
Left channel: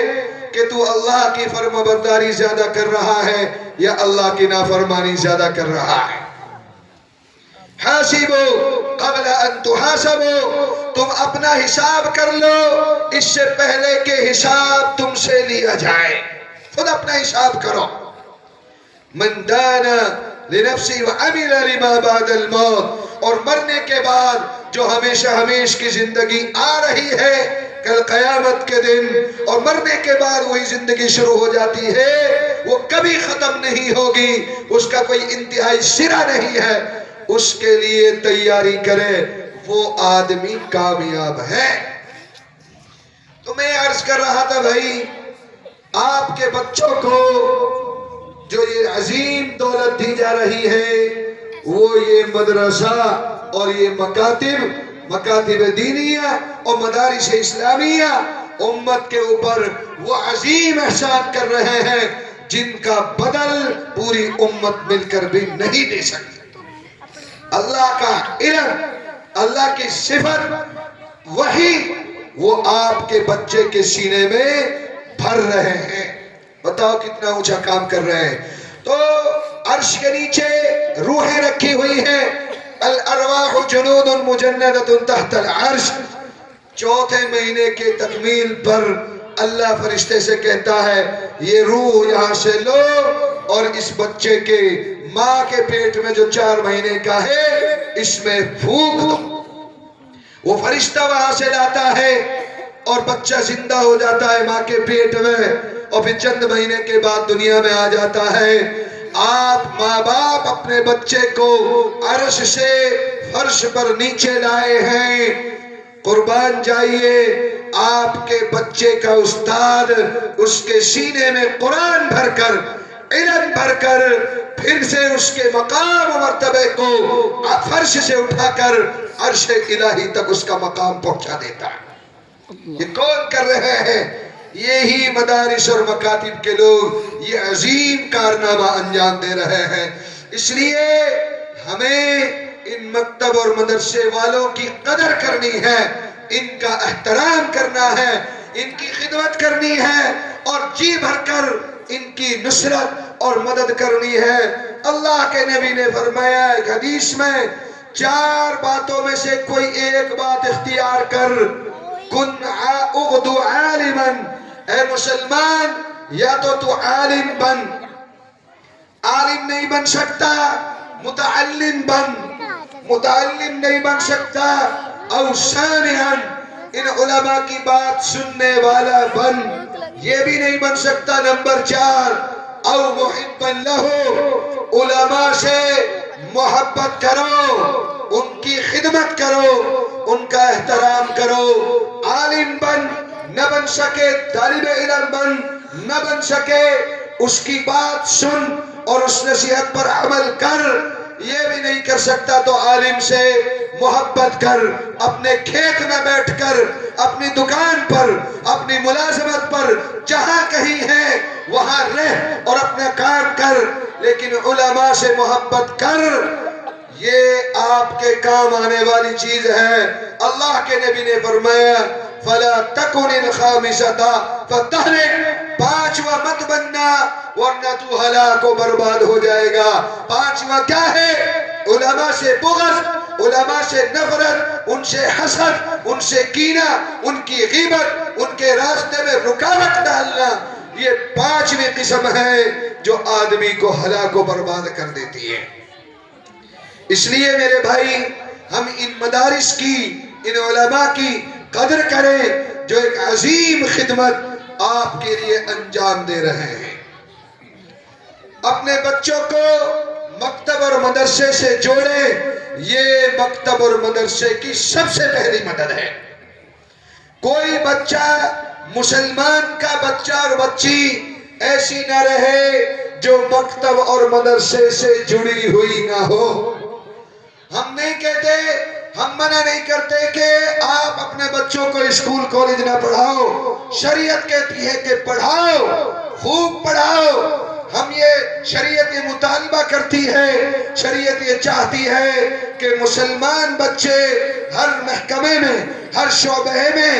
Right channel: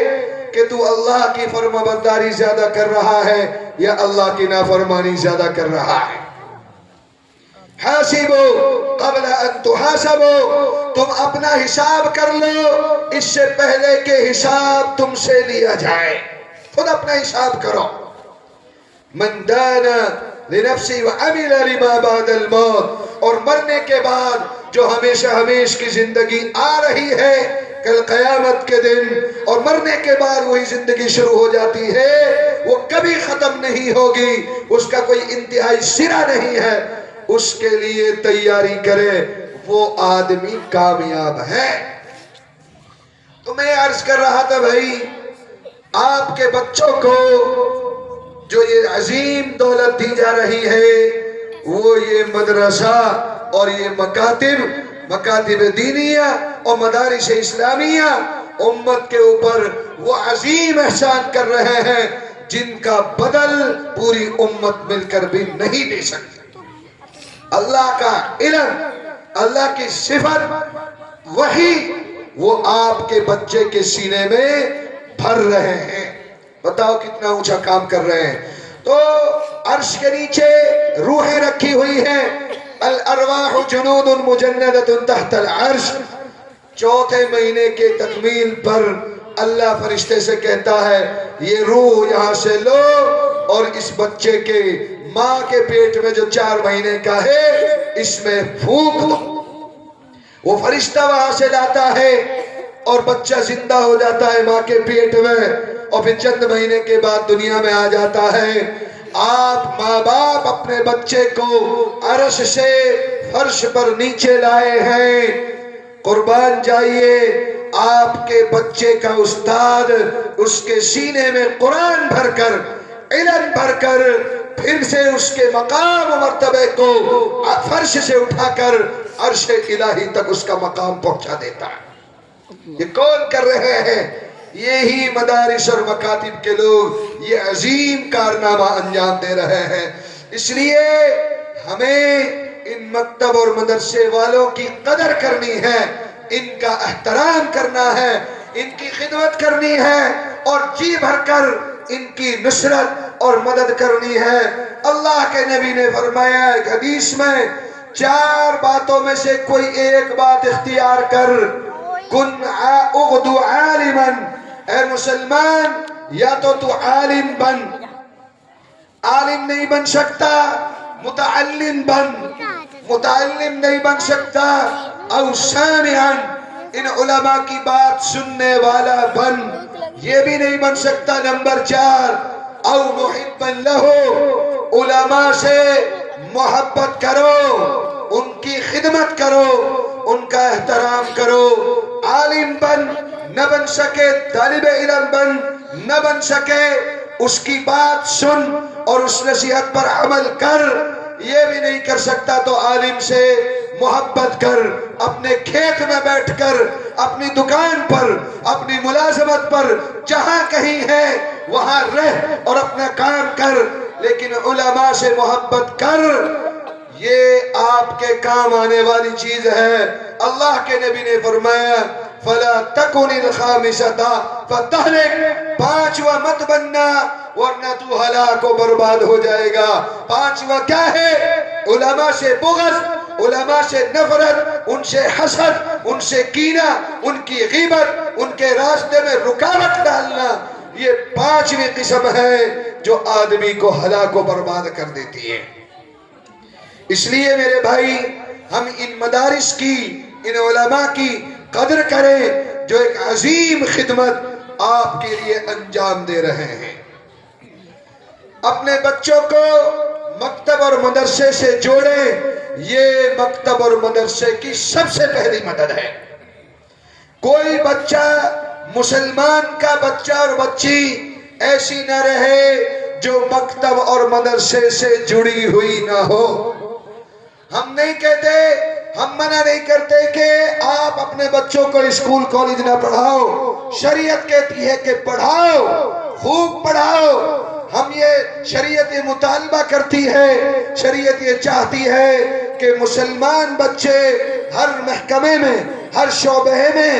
کہ تو اللہ کی فرمانبرداری زیادہ کر رہا ہے یا اللہ کی نافرمانی زیادہ کر رہا ہے۔ حاسبو قبل ان تحاسبو، تم اپنا حساب کر لو اس سے پہلے کہ حساب تم سے لیا جائے۔ خود اپنا حساب کرو۔ من دان لنفسی وعمل لما بعد الموت، اور مرنے کے بعد جو ہمیشہ ہمیش کی زندگی آ رہی ہے کل قیامت کے دن، اور مرنے کے بعد وہی زندگی شروع ہو جاتی ہے، وہ کبھی ختم نہیں ہوگی، اس کا کوئی انتہائی سرا نہیں ہے، اس کے لیے تیاری کرے، وہ آدمی کامیاب ہے۔ تو میں عرض کر رہا تھا بھائی، آپ کے بچوں کو جو یہ عظیم دولت دی جا رہی ہے وہ یہ مدرسہ اور یہ مکاتب دینیہ اور مدارس اسلامیہ امت کے اوپر وہ عظیم احسان کر رہے ہیں جن کا بدل پوری امت مل کر بھی نہیں دے سکتی۔ اللہ کا علم، اللہ کی صفت، وحی، وہ آپ کے بچے کے سینے میں بھر رہے ہیں۔ بتاؤ کتنا اونچا کام کر رہے ہیں۔ تو عرش کے نیچے روحیں رکھی ہوئی ہیں، الارواح جنود مجندۃ تحت العرش۔ چوتھے مہینے کے تکمیل پر اللہ فرشتے سے کہتا ہے یہ روح یہاں سے لو اور اس بچے کے ماں کے پیٹ میں جو 4 مہینے کا ہے اس میں پھونک دو۔ وہ فرشتہ وہاں سے لاتا ہے اور بچہ زندہ ہو جاتا ہے ماں کے پیٹ میں، اور پھر چند مہینے کے بعد دنیا میں آ جاتا ہے۔ آپ ماں باپ اپنے بچے کو عرش سے فرش پر نیچے لائے ہیں، قربان جائیے آپ کے بچے کا استاد اس کے سینے میں قرآن بھر کر، علم بھر کر، پھر سے اس کے مقام و مرتبے کو فرش سے اٹھا کر عرش الہی تک اس کا مقام پہنچا دیتا ہے۔ یہ کون کر رہے ہیں؟ یہی مدارس اور مکاتب کے لوگ یہ عظیم کارنامہ انجام دے رہے ہیں۔ اس لیے ہمیں ان مکتب اور مدرسے والوں کی قدر کرنی ہے، ان کا احترام کرنا ہے، ان کی خدمت کرنی ہے، اور جی بھر کر ان کی نصرت اور مدد کرنی ہے۔ اللہ کے نبی نے فرمایا ایک حدیث میں، 4 باتوں میں سے کوئی ایک بات اختیار کر، کن اغدو عالما، اے مسلمان یا تو عالم بن، عالم نہیں بن سکتا متعلم بن، متعلم نہیں بن سکتا او سامعا، ان علماء کی بات سننے والا بن، یہ بھی نہیں بن سکتا۔ نمبر 4 او محبا لہو، علماء سے محبت کرو، ان کی خدمت کرو، ان کا احترام کرو۔ عالم بن نہ بن سکے، طالب علم بن نہ بن سکے، اس کی بات سن اور اس نصیحت پر عمل کر، یہ بھی نہیں کر سکتا تو عالم سے محبت کر، اپنے کھیت میں بیٹھ کر، اپنی دکان پر، اپنی ملازمت پر، جہاں کہیں ہے وہاں رہ اور اپنا کام کر، لیکن علماء سے محبت کر۔ یہ آپ کے کام آنے والی چیز ہے۔ اللہ کے نبی نے فرمایا فَلَا تَكُنِ الْخَامِسَةَ فَتَهْلِكَ، پانچواں مت بننا ورنہ تو ہلاک و برباد ہو جائے گا۔ پانچواں کیا ہے؟ علماء سے بغض، علماء سے نفرت، ان سے حسد، ان سے کینہ، ان کی غیبت، ان کے راستے میں رکاوٹ ڈالنا، یہ پانچویں قسم ہے جو آدمی کو ہلاک و برباد کر دیتی ہے۔ اس لیے میرے بھائی، ہم ان مدارس کی، ان علماء کی قدر کریں جو ایک عظیم خدمت آپ کے لیے انجام دے رہے ہیں۔ اپنے بچوں کو مکتب اور مدرسے سے جوڑیں، یہ مکتب اور مدرسے کی سب سے پہلی مدد ہے۔ کوئی بچہ، مسلمان کا بچہ اور بچی ایسی نہ رہے جو مکتب اور مدرسے سے جڑی ہوئی نہ ہو۔ ہم نہیں کہتے، ہم منع نہیں کرتے کہ آپ اپنے بچوں کو اسکول کالج نہ پڑھاؤ۔ شریعت کہتی ہے کہ پڑھاؤ، خوب پڑھاؤ۔ ہم یہ شریعت یہ مطالبہ کرتی ہے، شریعت یہ چاہتی ہے کہ مسلمان بچے ہر محکمے میں، ہر شعبے میں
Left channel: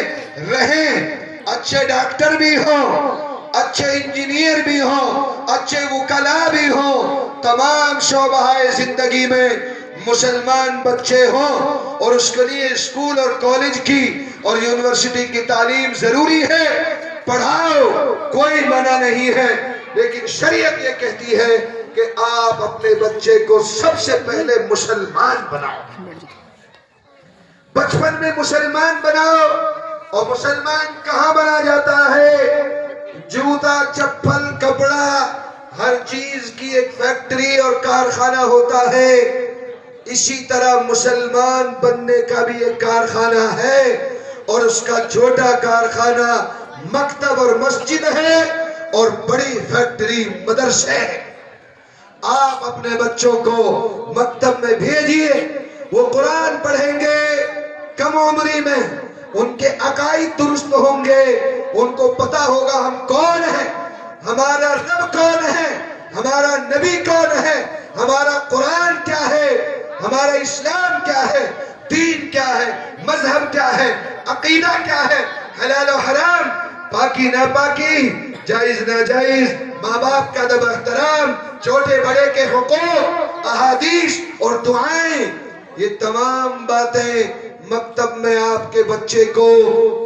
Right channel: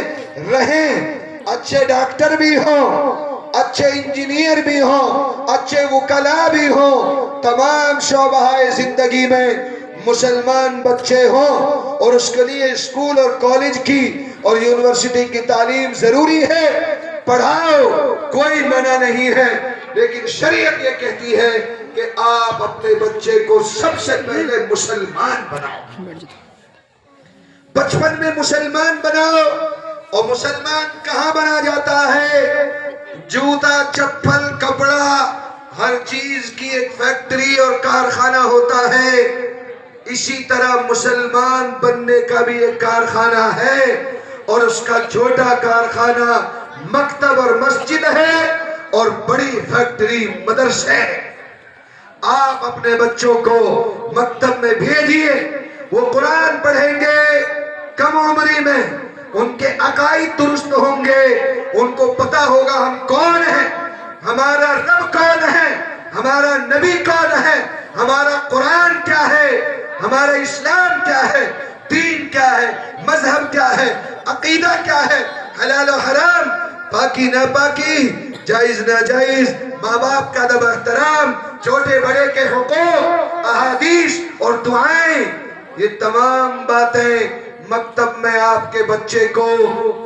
رہیں، اچھے ڈاکٹر بھی ہوں، اچھے انجینئر بھی ہوں، اچھے وکلاء بھی ہوں، تمام شعبہ زندگی میں مسلمان بچے ہوں، اور اس کے لیے اسکول اور کالج کی اور یونیورسٹی کی تعلیم ضروری ہے۔ پڑھاؤ، کوئی منع نہیں ہے، لیکن شریعت یہ کہتی ہے کہ آپ اپنے بچے کو سب سے پہلے مسلمان بناؤ، بچپن میں مسلمان بناؤ۔ اور مسلمان کہاں بنا جاتا ہے؟ جوتا، چپل، کپڑا، ہر چیز کی ایک فیکٹری اور کارخانہ ہوتا ہے۔ اسی طرح مسلمان بننے کا بھی ایک کارخانہ ہے، اور اس کا چھوٹا کارخانہ مکتب اور مسجد ہے، اور بڑی فیکٹری مدرسہ ہے۔ آپ اپنے بچوں کو مکتب میں بھیجیے، وہ قرآن پڑھیں گے، کم عمری میں ان کے عقائد درست ہوں گے، ان کو پتا ہوگا ہم کون ہیں، ہمارا رب کون ہے، ہمارا نبی کون ہے، ہمارا قرآن کیا ہے، ہمارا اسلام کیا ہے، دین کیا ہے، مذہب کیا ہے، عقیدہ کیا ہے، حلال و حرام، پاکی ناپاکی، جائز ناجائز، ماں باپ کا ادب احترام، چھوٹے بڑے کے حقوق، احادیث اور دعائیں، یہ تمام باتیں مکتب میں آپ کے بچے کو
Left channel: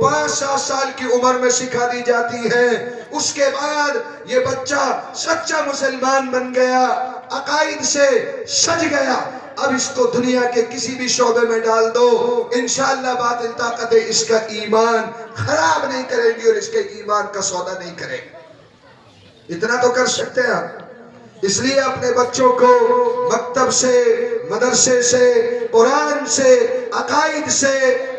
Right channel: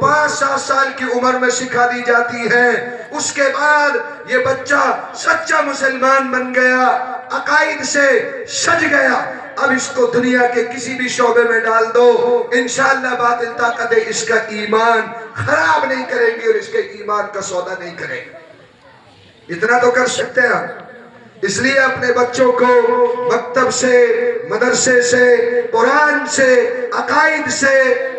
5-7 سال کی عمر میں سکھا دی جاتی ہیں۔ اس کے بعد یہ بچہ سچا مسلمان بن گیا، عقائد سے سج گیا۔ اب اس کو دنیا کے کسی بھی شعبے میں ڈال دو، انشاءاللہ باطل طاقتیں اس کا ایمان خراب نہیں کریں گی اور اس کے ایمان کا سودا نہیں کریں گی۔ اتنا تو کر سکتے ہیں آپ۔ اس لیے اپنے بچوں کو مکتب سے، مدرسے سے، قرآن سے، عقائد سے،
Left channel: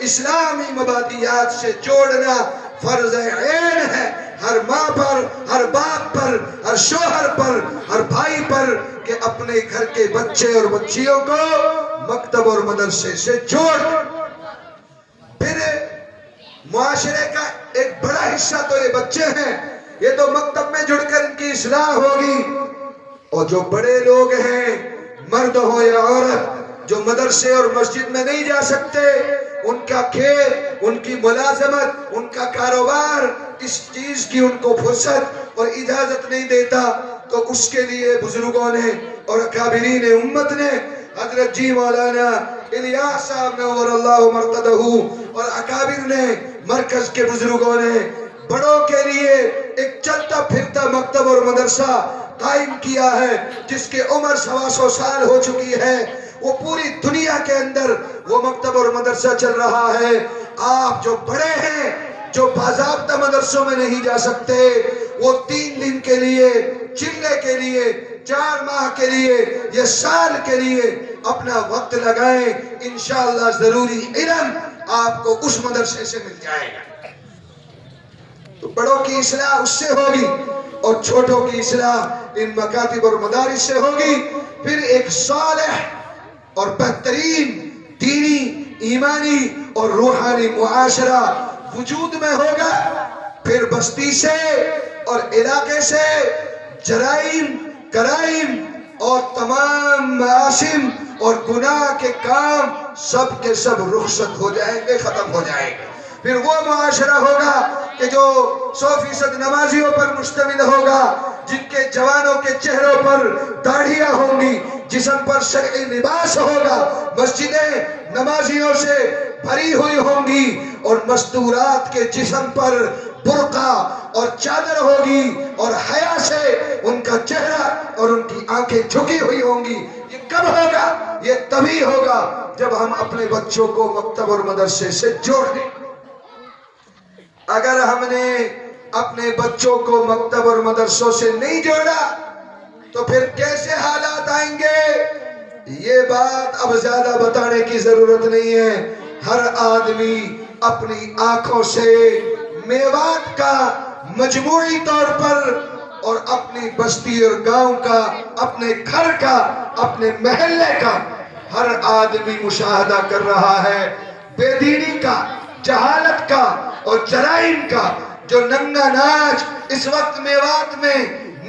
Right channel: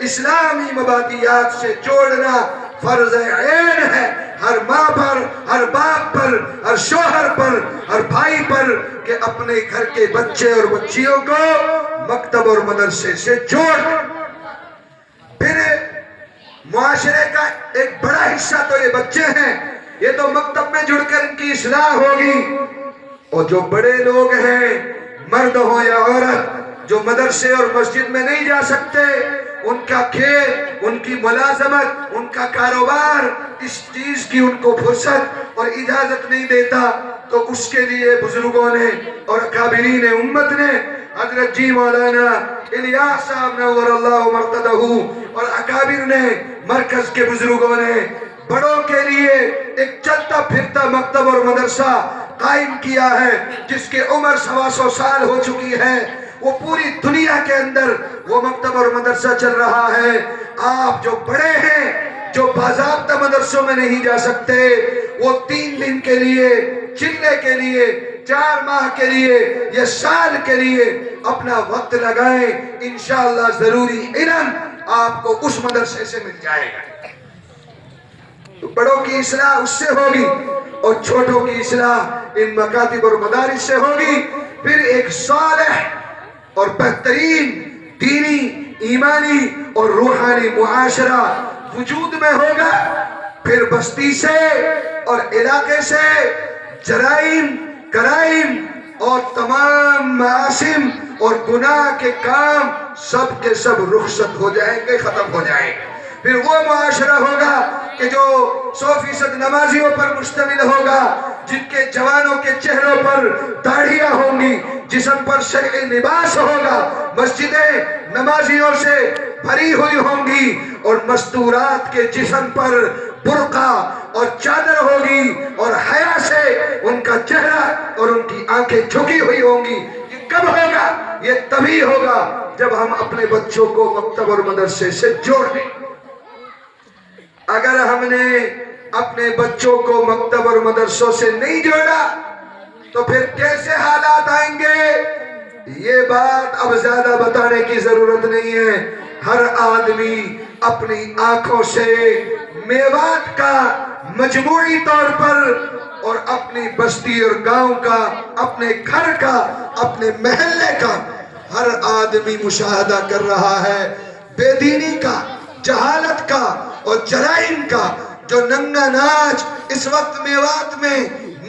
اسلامی مبادیات سے جوڑنا فرض عین ہے، ہر ماں پر، ہر باپ پر، ہر شوہر پر، ہر بھائی پر، کہ اپنے گھر کے بچے اور بچیوں کو مکتب اور مدرسے سے جوڑ۔ پھر معاشرے کا ایک بڑا حصہ تو یہ بچے ہیں، یہ تو مکتب میں جڑ کر ان کی اصلاح ہوگی، اور جو بڑے لوگ ہیں، مرد ہوں یا عورت، جو مدرسے اور مسجد میں نہیں جا سکتے، ان کا کھیل، ان کی ملازمت، ان کا کاروبار، اس چیز کی ان کو فرصت اور اجازت نہیں دیتا، تو اس کے لیے بزرگوں نے اور اکابرین امت نے، حضرت جی مولانا الیاس صاحب نور اللہ مرقدہ اور اکابر نے، مرکز کے بزرگوں نے بڑوں کے لیے ایک چلتا پھرتا مکتب اور مدرسہ قائم کیا ہے، جس کی عمر 125 سال ہو چکی ہے۔ وہ پوری دنیا کے اندر وہ مکتب اور مدرسہ چل رہا ہے۔ آپ جو بڑے ہیں، جو باضابطہ مدرسوں میں نہیں جا سکتے، وہ 3 دن کے لیے، چلے کے لیے، 4 ماہ کے لیے یا سال کے لیے اپنا وقت لگائیں، انشاءاللہ ضروری علم آپ کو اس مدرسے سے مل جائے گا۔ تو بڑوں کی اصلاح اس سے ہوگی، اور چھوٹوں کی اصلاح ان مکاتب اور مدارس سے ہوگی۔ پھر ایک صالح اور بہترین دینی، ایمانی اور روحانی معاشرہ وجود میں ہوگا۔ پھر بستی سے اور علاقے سے جرائم، کرائم اور تمام معاشم اور گناہ کے کام سب کے سب رخصت ہو جائیں گے، ختم ہو جائیں گے۔ پھر وہ معاشرہ ہوگا کہ جو 100% نمازیوں پر مشتمل ہوگا، جن کے جوانوں کے چہروں پر داڑھیاں ہوں گی، جسم پر شرعی لباس ہوگا، مسجدیں نمازیوں سے بھری ہوئی ہوں گی، اور مستورات کے جسم پر برقع اور چادر ہوگی، اور حیا سے ان کا چہرہ اور ان کی آنکھیں جھکی ہوئی ہوں گی۔ یہ کب ہوگا؟ یہ تبھی ہوگا جب ہم اپنے بچوں کو مکتب اور مدرسے سے جوڑ دیں۔ اگر ہم نے اپنے بچوں کو مکتب اور مدرسوں سے نہیں جوڑا تو پھر کیسے حالات آئیں گے؟ یہ بات اب زیادہ بتانے کی ضرورت نہیں ہے۔ ہر آدمی اپنی آنکھوں سے میوات کا مجموعی طور پر اور اپنی بستی اور گاؤں کا، اپنے گھر کا، اپنے محلے کا ہر آدمی مشاہدہ کر رہا ہے بے دینی کا، جہالت کا اور جرائم کا۔ جو ننگا ناچ اس وقت میوات میں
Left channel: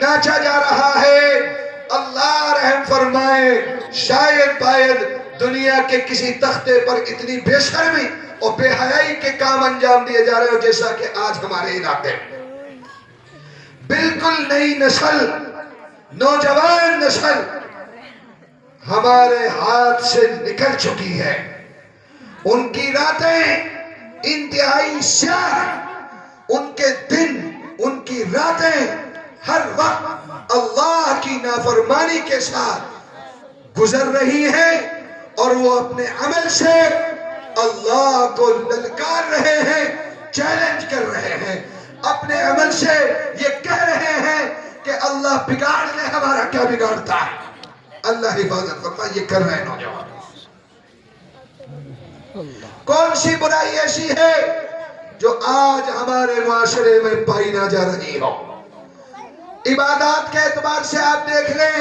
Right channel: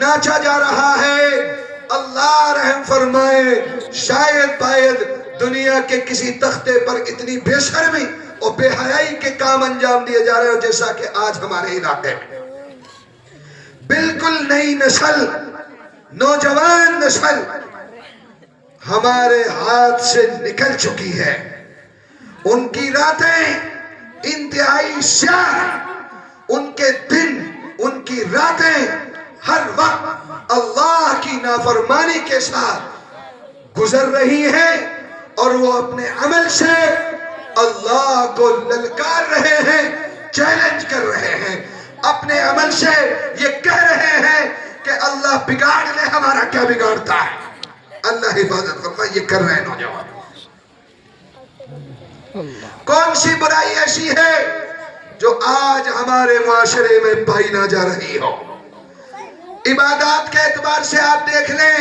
ناچا جا رہا ہے، اللہ رحم فرمائے، شاید دنیا کے کسی تختے پر اتنی بے شرمی اور بے حیائی کے کام انجام دیے جا رہے ہو جیسا کہ آج ہمارے علاقے میں۔ بالکل نئی نسل، نوجوان نسل ہمارے ہاتھ سے نکل چکی ہے۔ ان کی راتیں انتہائی سیاہ، ان کے دن، ان کی راتیں ہر وقت اللہ کی نافرمانی کے ساتھ گزر رہی ہیں، اور وہ اپنے عمل سے اللہ کو للکار رہے ہیں، چیلنج کر رہے ہیں۔ اپنے عمل سے یہ کہہ رہے ہیں کہ اللہ بگاڑ لے، ہمارا کیا بگاڑتا ہے۔ اللہ حفاظت فرمائے، یہ کر رہے ہیں نوجوان۔ کون سی برائی ایسی ہے جو آج ہمارے معاشرے میں پائی نہ جا رہی ہو؟ عبادات کے اعتبار سے آپ دیکھ لیں،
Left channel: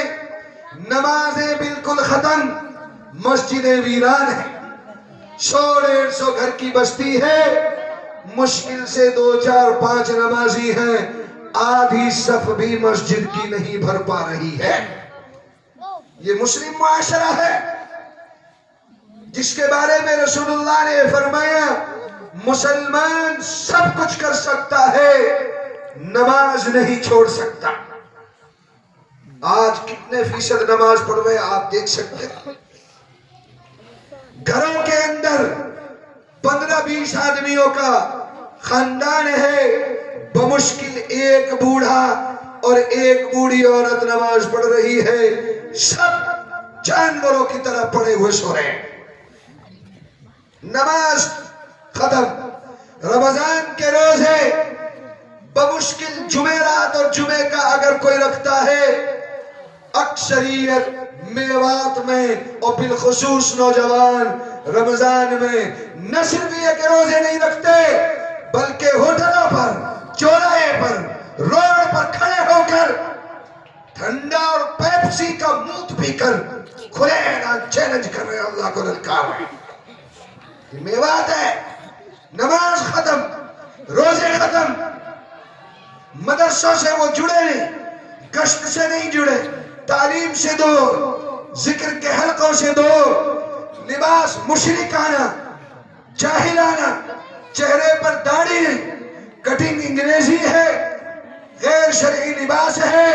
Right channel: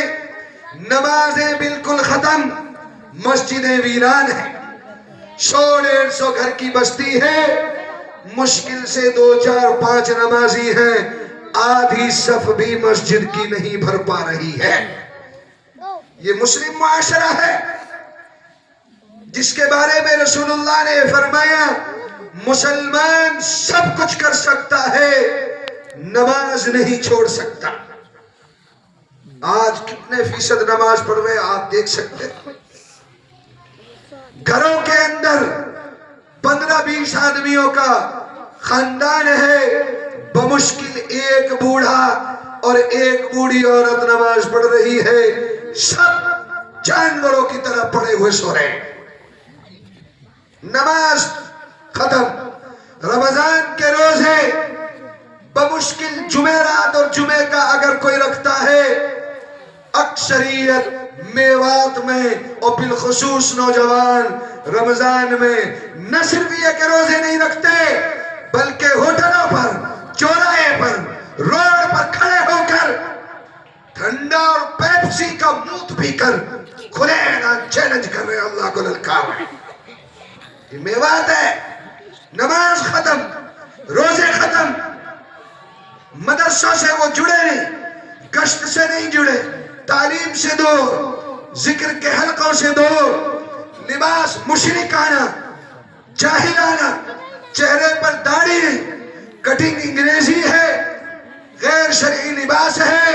نمازیں بالکل ختم، مسجدیں ویران ہیں۔ 100-150 گھر کی بستی ہے، مشکل سے 2, 4, 5 نمازی ہیں، آدھی صف بھی مسجد کی نہیں بھر پا رہی ہے۔ یہ مسلم معاشرہ ہے جس کے بارے میں رسول اللہ نے فرمایا مسلمان سب کچھ کر سکتا ہے، نماز نہیں چھوڑ سکتا۔ آج کتنے فیصد نماز پڑھ رہے آپ دیکھ سکتے ہیں۔ گھروں کے اندر 15-20 آدمیوں کا خاندان ہے، بمشکل ایک بوڑھا اور ایک بوڑھی عورت نماز پڑھ رہی ہے، سب جانوروں کی طرح پڑے ہوئے سو رہے ہیں۔ نماز ختم۔ رمضان کے روزے بمشکل جمعرات اور جمعے کا اگر کوئی رکھتا ہے، اکثریت میوات میں اور بالخصوص نوجوان رمضان میں نہ صرف یہ کہ روزے نہیں رکھتے، بلکہ ہوٹلوں پر، چوراہے پر، روڈ پر کھڑے ہو کر ٹھنڈا اور پیپسی کا موت پی کر کھلے اعلان چیلنج کر رہے ہیں، اللہ کو للکار رہے ہیں۔ یہ میوات ہے۔ نماز ختم، روزے ختم، مدرسوں سے وہ جڑے نہیں، گشت سے نہیں جڑے، تعلیم سے دور، ذکر کے حلقوں سے دور، لباس مشرکانہ، جاہلانہ، چہرے پر داڑھی نہیں، کٹنگ انگریزی ہے، غیر شرعی لباس ہے،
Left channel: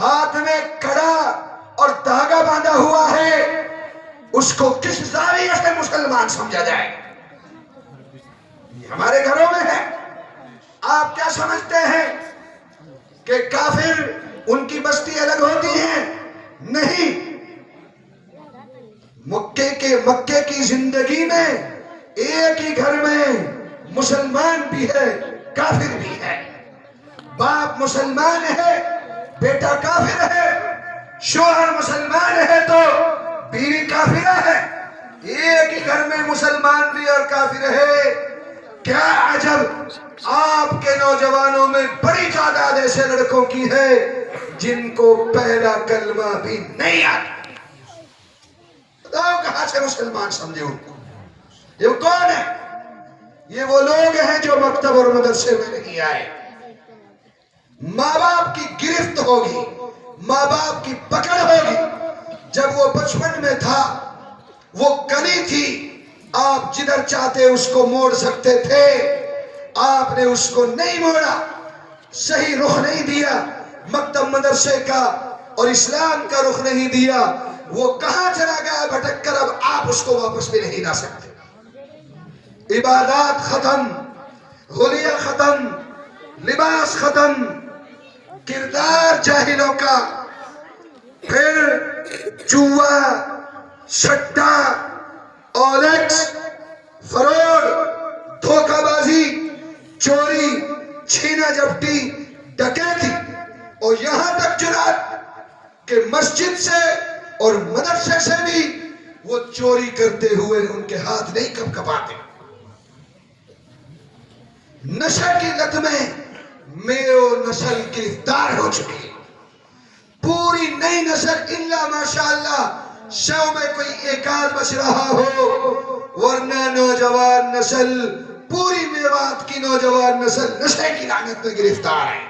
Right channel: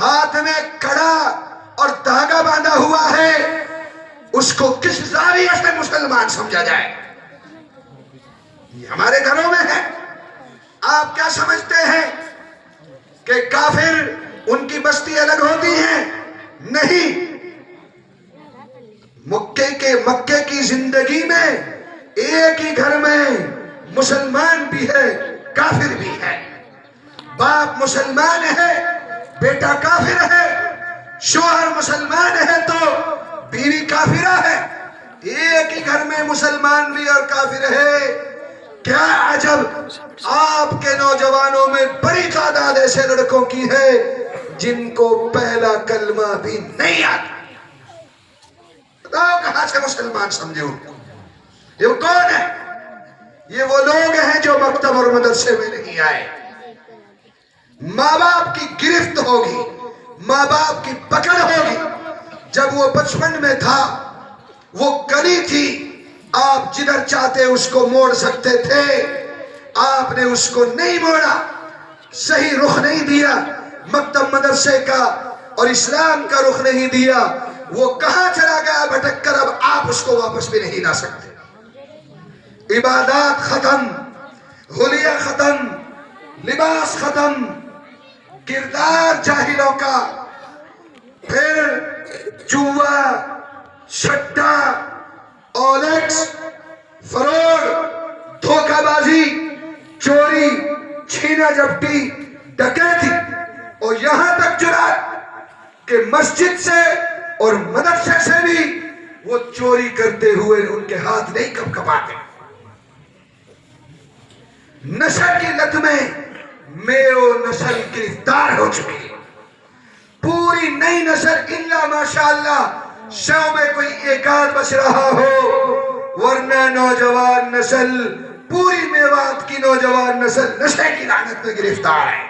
ہاتھ میں کڑا اور دھاگا باندھا ہوا ہے۔ اس کو کس زاویے سے مسلمان سمجھا جائے؟ یہ ہمارے گھروں میں ہے۔ آپ کیا سمجھتے ہیں کہ کافر ان کی بستی الگ ہوتی ہے؟ نہیں، مکے کی زندگی میں ایک ہی گھر میں مسلمان بھی ہے، کافر بھی ہے۔ باپ مسلمان ہے، بیٹا کافر ہے، شوہر مسلمان ہے تو بیوی کافرہ ہے۔ ایک ہی گھر میں مسلمان بھی اور کافر ہے۔ کیا عجب آپ کے نوجوانوں میں بڑی تعداد ایسے لڑکوں کی ہے جن کو پہلا کلمہ بھی نہیں آتا۔ بتاؤ کہاں سے مسلمان سمجھے ان کو؟ یہ کون ہے؟ یہ وہ لوگ ہیں جو مکتب اور مدرسے میں نہیں آئے۔ ماں باپ کی گرفت ہوگی، ماں باپ کی پکڑ ہوگی، جب وہ بچپن میں تھا وہ کلی تھی، آپ جدھر چاہتے اس کو موڑ سکتے تھے، آپ نے اس کو نہیں موڑا، صحیح رخ نہیں دیا مکتب مدرسے کا اور اسلام کا رخ نہیں دیا، وہ کہاں چلا گیا بھٹک کر، اب آپ اس کو واپس بھی نہیں لا سکتے۔ عبادات ختم، حلیہ ختم، لباس ختم، کردار جاہلوں کا، پھر جوا، شٹا، اولیکس، فراڈ، دھوکہ بازی، چوری، چھینا جھپٹی، ڈکیتی، اور یہاں تک جرات کہ مسجد سے اور مدرسے سے بھی وہ چوری کرتے ہوئے ان کے ہاتھ نہیں کب کپاتے۔ نشہ کی لت میں میرو نسل گرفتار ہو چکی ہے، پوری نئی نسل الا ماشاءاللہ 100 میں کوئی ایک آدھ بچ رہا ہو، ورنہ نوجوان نسل، پوری میوات کی نوجوان نسل نشے کی لعنت میں گرفتار ہے۔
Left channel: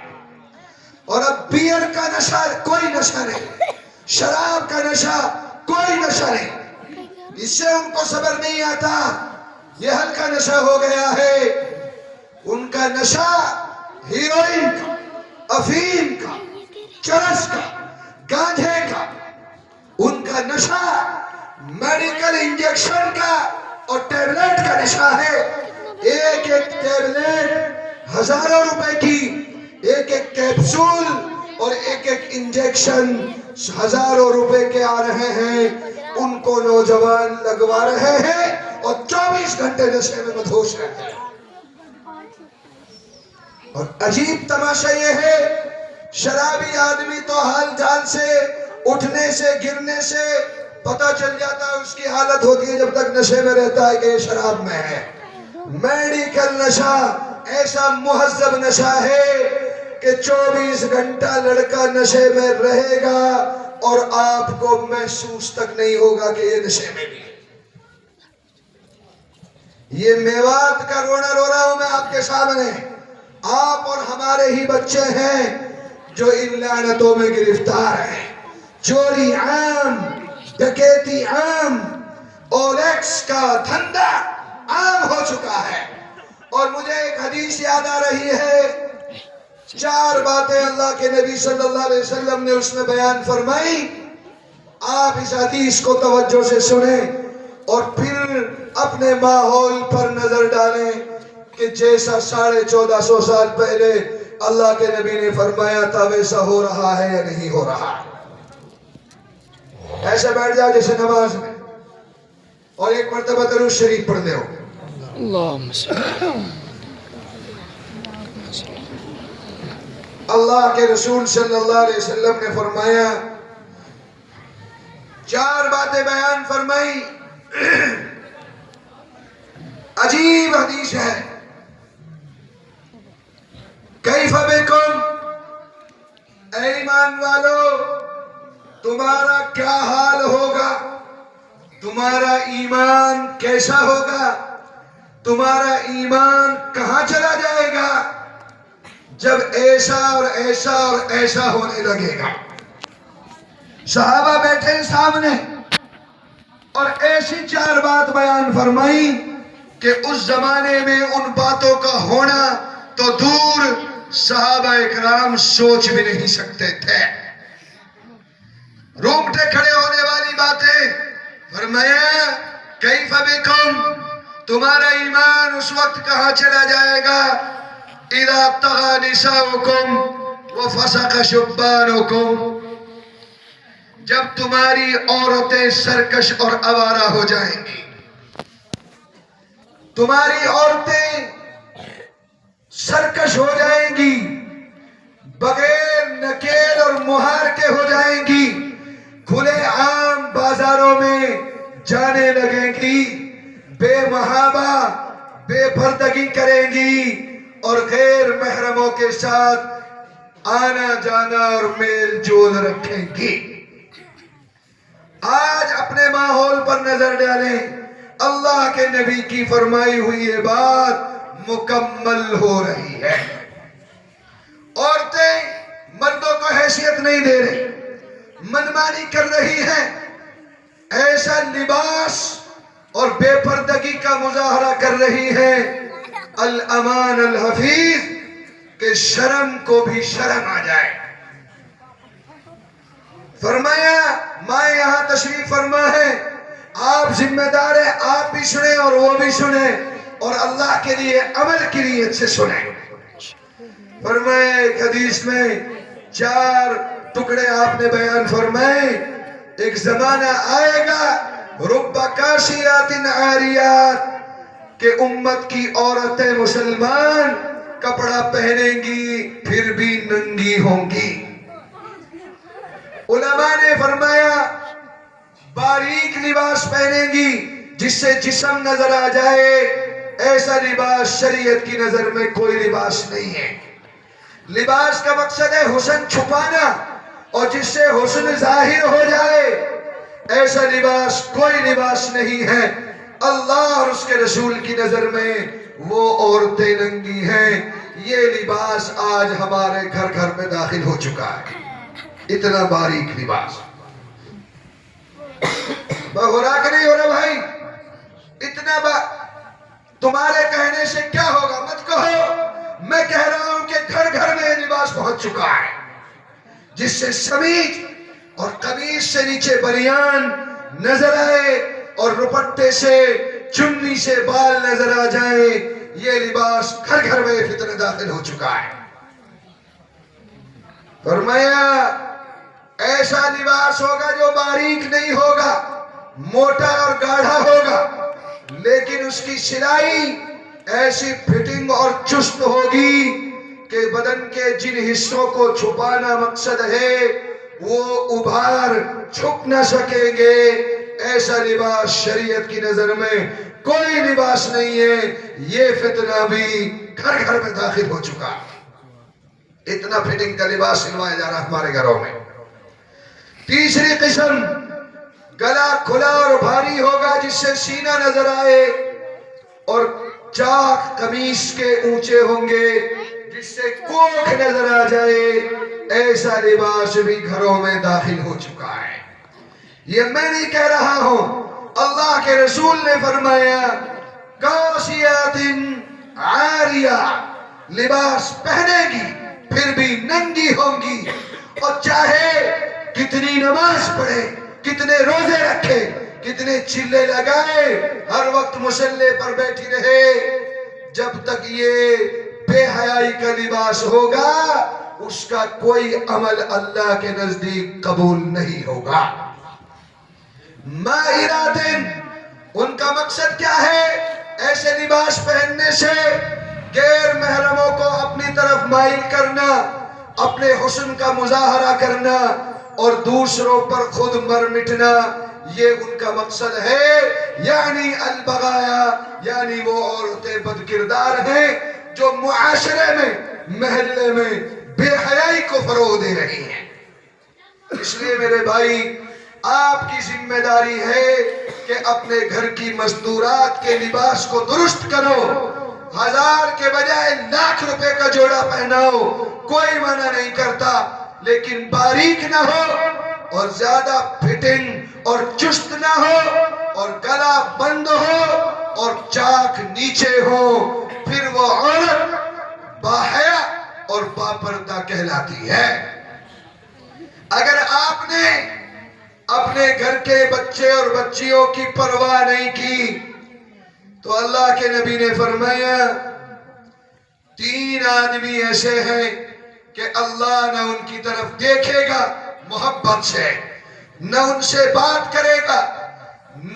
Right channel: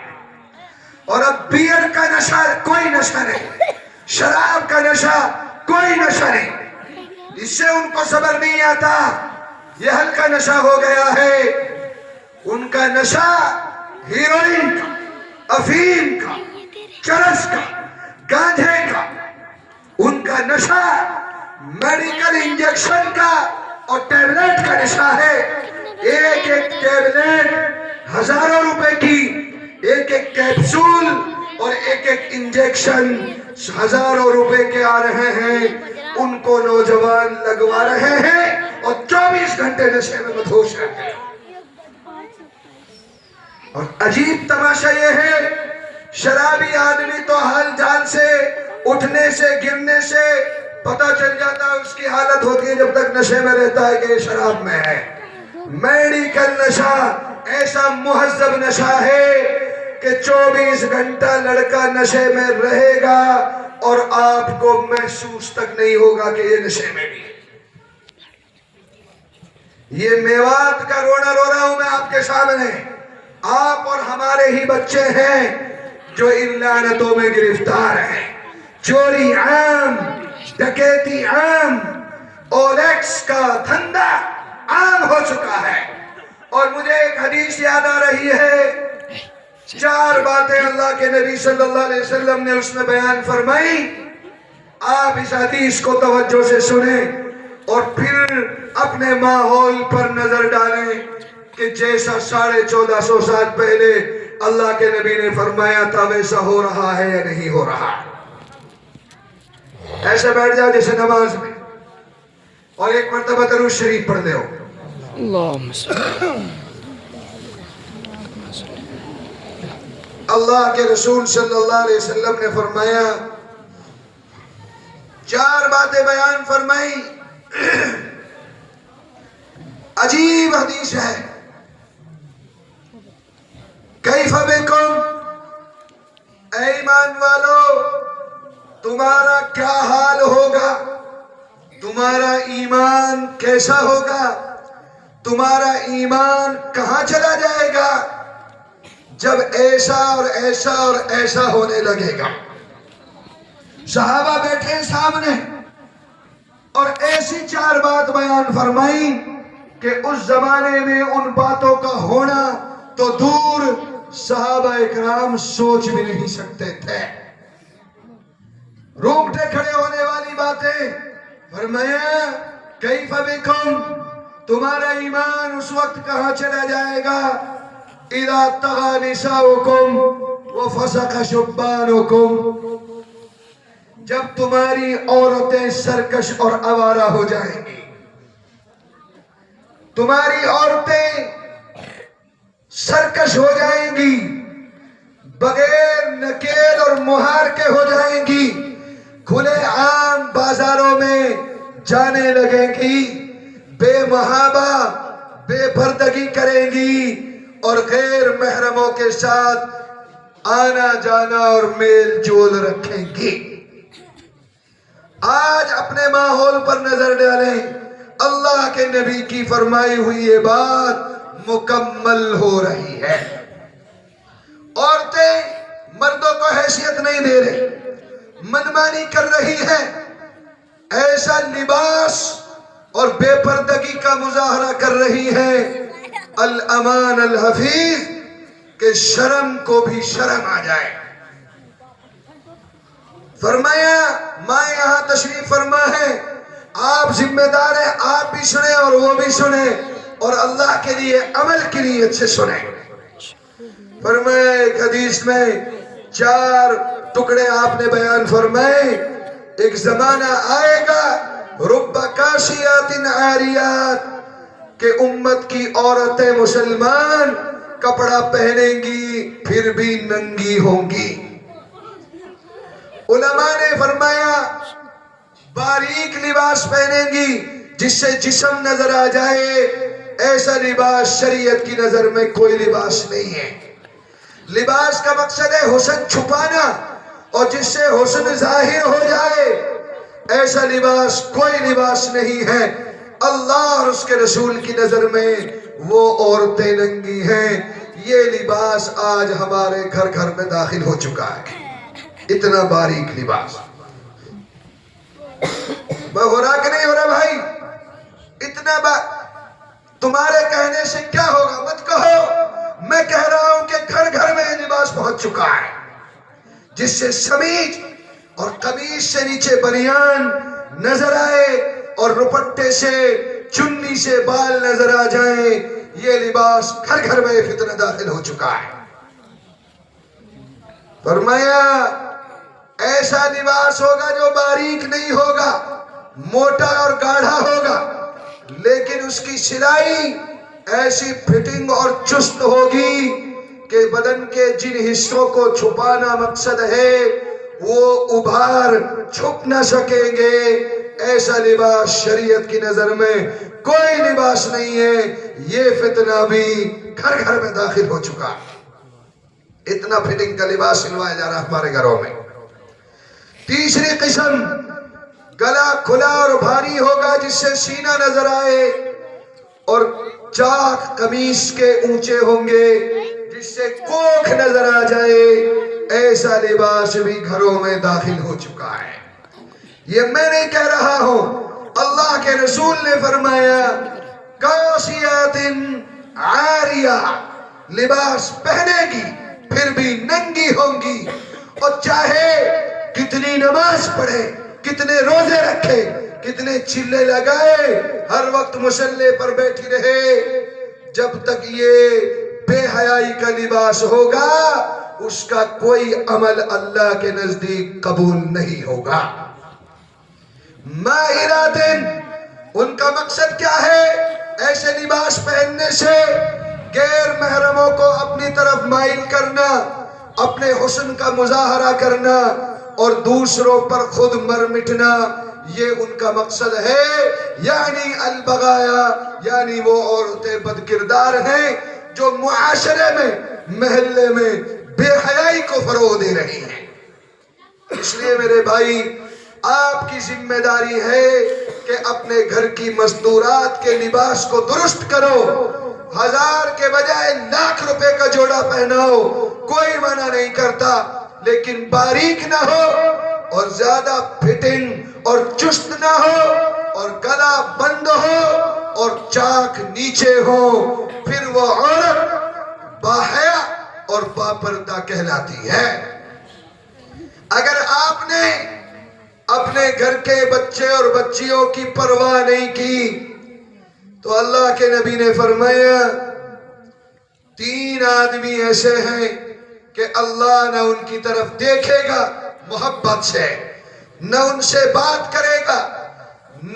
اور اب بیئر کا نشہ کوئی نشہ نہیں، شراب کا نشہ کوئی نشہ نہیں، اس سے ان کو صبر نہیں آتا، یہ ہلکا نشہ ہو گیا ہے۔ ان کا نشہ ہیروئن کا، افیم کا، چرس کا، گانجے کا، ان کا نشہ میڈیکل انجیکشن کا اور ٹیبلیٹ کا نشہ ہے۔ ایک ایک ٹیبلیٹ ہزاروں روپے کی، ایک ایک کیپسول اور ایک ایک انجیکشن ہزاروں روپے کے آ رہے ہیں، ان کو نوجوان لگوا رہے ہیں اور 24 گھنٹے نشے میں مدہوش رہتے ہیں۔ اور عجیب تماشا یہ ہے، شرابی آدمی تو حال جان سے، اٹھنے سے، گرنے سے پتہ چل جاتا ہے، اس کی حالت ہوتی ہے جب تک نشے میں رہتا ہے کہ یہ شراب میں ہے۔ میڈیکل نشہ ایسا مہذب نشہ ہے کہ 24 گھنٹہ لڑکا نشے میں رہے گا اور آپ کو محسوس تک نہیں ہوگا کہ یہ نشے میں بھی ہے۔ یہ میوات کا رونا رو رہا ہوں میں آپ کے سامنے، آپ اور ہمارے ہی بچے ہیں جو ان لعنتوں میں گرفتار ہیں۔ چوری عام، ڈکیتی عام، اولیکس کا دھندا عام ہو چکا ہے۔ اور مجھے ایک حدیث یاد آ رہی ہے، 4 باتیں اللہ کے نبی صلی اللہ علیہ وسلم نے اس میں بیان فرمائی، آپ اس حدیث کو توجہ سے سنیں اور پھر اپنے ماحول پر نظر ڈالیں کہ جیسا 1450 سال پہلے اللہ کے نبی نے فرمایا تھا ویسا ہو رہا ہے یا نہیں ہو رہا۔ ایسے بیٹھ جاؤ جیسے نماز میں اور ایک مرتبہ درود شریف پڑھ دے ہو۔ اللہم صلی اللہ کے رسول صلی اللہ علیہ وسلم نے فرمایا، 4 باتیں بیان فرمائی، عجیب حدیث ہے۔ کیف بکم، اے ایمان والو تمہارا کیا حال ہوگا، تمہارا ایمان کیسا ہوگا، تمہارا ایمان کہاں چلا جائے گا جب ایسا اور ایسا اور ایسا ہونے لگے گا۔ صحابہ بیٹھے سامنے اور ایسی 4 بات بیان فرمائی کہ اس زمانے میں ان باتوں کا ہونا تو دور، صحابہ اکرام سوچ بھی نہیں سکتے تھے۔ رونگٹے کھڑے ہونے والی باتیں فرمایا، کیف بکم، تمہارا ایمان اس وقت کہاں چلا جائے گا، اذا طغى نساؤکم وفسق شبانکم، جب تمہاری عورتیں سرکش اور آوارہ ہو جائیں گی، تمہاری عورتیں سرکش ہو جائیں گی، بغیر نکیل اور مہار کے ہو جائیں گی، کھلے عام بازاروں میں جانے لگیں گی، بے محابہ، بے پردگی کریں گی اور غیر محرموں کے ساتھ آنا جانا اور میل جول رکھیں گی۔ آج اپنے ماحول پر نظر ڈالیں، اللہ کے نبی کی فرمائی ہوئی یہ بات مکمل ہو رہی ہے۔ عورتیں مردوں کو حیثیت نہیں دے رہی، منمانی کر رہی ہیں، ایسا لباس اور بے پردگی کا مظاہرہ کر رہی ہے الامان الحفیظ کہ شرم کو بھی شرم آ جائے. فرمایا ماں یہاں تشریف فرما ہے، آپ ذمہ دار ہیں، آپ بھی سنیں اور وہ بھی سنیں اور اللہ کے لیے عمل کی نیت سے سنیں. فرمایا ایک حدیث میں 4 ٹکڑے آپ نے بیان فرمائے. ایک زمانہ آئے گا رب کاشیات عاریات کہ امت کی عورتیں مسلمان کپڑا پہنیں گی پھر بھی ننگی ہوں گی. علماء نے فرمایا باریک لباس پہنیں گی جس سے جسم نظر آ جائے، ایسا لباس شریعت کی نظر میں کوئی لباس نہیں ہے. لباس کا مقصد ہے حسن چھپانا، اور جس سے حسن ظاہر ہو جائے ایسا لباس کوئی لباس نہیں ہے. اللہ اور اس کے رسول کی نظر میں وہ عورتیں ننگی ہیں. یہ لباس آج ہمارے گھر گھر میں داخل ہو چکا ہے، اتنا باریک لباس. ہو رہا کہ نہیں ہو رہا بھائی؟ اتنا تمہارے کہنے سے کیا ہوگا مت کہو، میں کہہ رہا ہوں کہ گھر گھر میں یہ لباس پہنچ چکا ہے جس سے سمیج اور قمیص سے نیچے بنیان نظر آئے اور دوپٹے سے چنی سے بال نظر آ جائیں. یہ لباس گھر گھر میں فتنہ داخل ہو چکا ہے. فرمایا ایسا لباس ہوگا جو باریک نہیں ہوگا، موٹا اور گاڑھا ہوگا، لیکن اس کی سلائی ایسی فٹنگ اور چست ہوگی کہ بدن کے جن حصوں کو چھپانا مقصد ہے وہ ابھار چھپ نہ سکیں گے. ایسا لباس شریعت کی نظر میں کوئی لباس نہیں ہے. یہ فتنہ بھی گھر گھر میں داخل ہو چکا. اتنا فٹنگ کا لباس سلوایا جا رہا ہمارے گھروں میں. تیسری قسم گلا کھلا اور بھاری ہوگا جس سے سینہ نظر آئے، اور چاک قمیص کے اونچے ہوں گے جس سے کوکھ نظر آ جائے. ایسا لباس بھی گھروں میں داخل ہو چکا ہے. یہ میں نہیں کہہ رہا ہوں، اللہ کے رسول نے فرمایا کاسیات عاریہ، لباس پہنے گی پھر بھی ننگی ہوں گی، اور چاہے کتنی نماز پڑھے، کتنے روزے رکھے، کتنے چلے لگائے، ہر وقت مصلی پر بیٹھی رہے، جب تک یہ بے حیائی کا لباس ہوگا اس کا کوئی عمل اللہ کے نزدیک قبول نہیں ہوگا. مائرات، ان کا مقصد کیا ہے؟ ایسے لباس پہننے سے غیر محرموں کو اپنی طرف مائل کرنا، اپنے حسن کا مظاہرہ کرنا اور دوسروں پر خود مر مٹنا، یہ ان کا مقصد ہے. یعنی البغایا، یعنی وہ عورتیں بد کردار ہیں جو معاشرے میں، محلے میں بے حیائی کو فروغ دے رہی ہیں. اس لیے میرے بھائی آپ کی ذمہ داری ہے کہ اپنے گھر کی مستورات کے لباس کو درست کرو. 1000 کے بجائے لاکھ روپے کا جوڑا پہناؤ، کوئی منع نہیں کرتا، لیکن باریک نہ ہو اور زیادہ فٹنگ اور چست نہ ہو اور گلا بند ہو اور چاک نیچے ہو، پھر وہ عورت باحیا اور باپردہ کہلاتی ہے. اگر آپ نے اپنے گھر کے بچے اور بچیوں کی پرواہ نہیں کی تو اللہ کے نبی نے فرمایا 3 آدمی ایسے ہیں کہ اللہ نہ ان کی طرف دیکھے گا محبت سے، نہ ان سے بات کرے گا،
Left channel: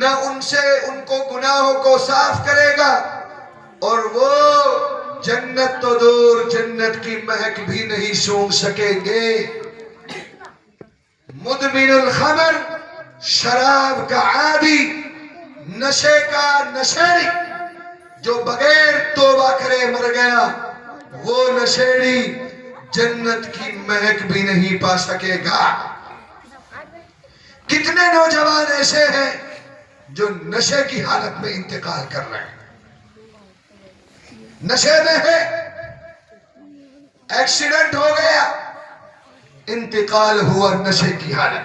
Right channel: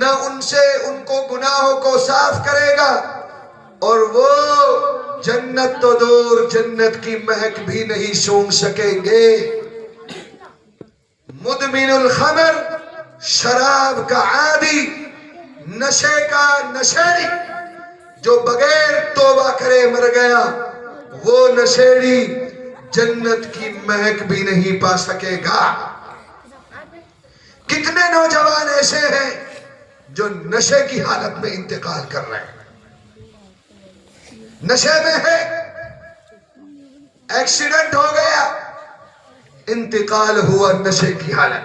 نہ ان کو گناہوں کو صاف کرے گا، اور وہ جنت تو دور جنت کی مہک بھی نہیں سونگھ سکیں گے. مدمن الخمر، شراب کا عادی، نشے کا نشیڑی، جو بغیر توبہ کرے مر گیا، وہ نشیڑی جنت کی مہک بھی نہیں پا سکے گا. کتنے نوجوان ایسے ہیں جو نشے کی حالت میں انتقال کر رہے ہیں، نشے میں ہے، ایکسیڈنٹ ہو گیا، انتقال ہوا نشے کی حالت.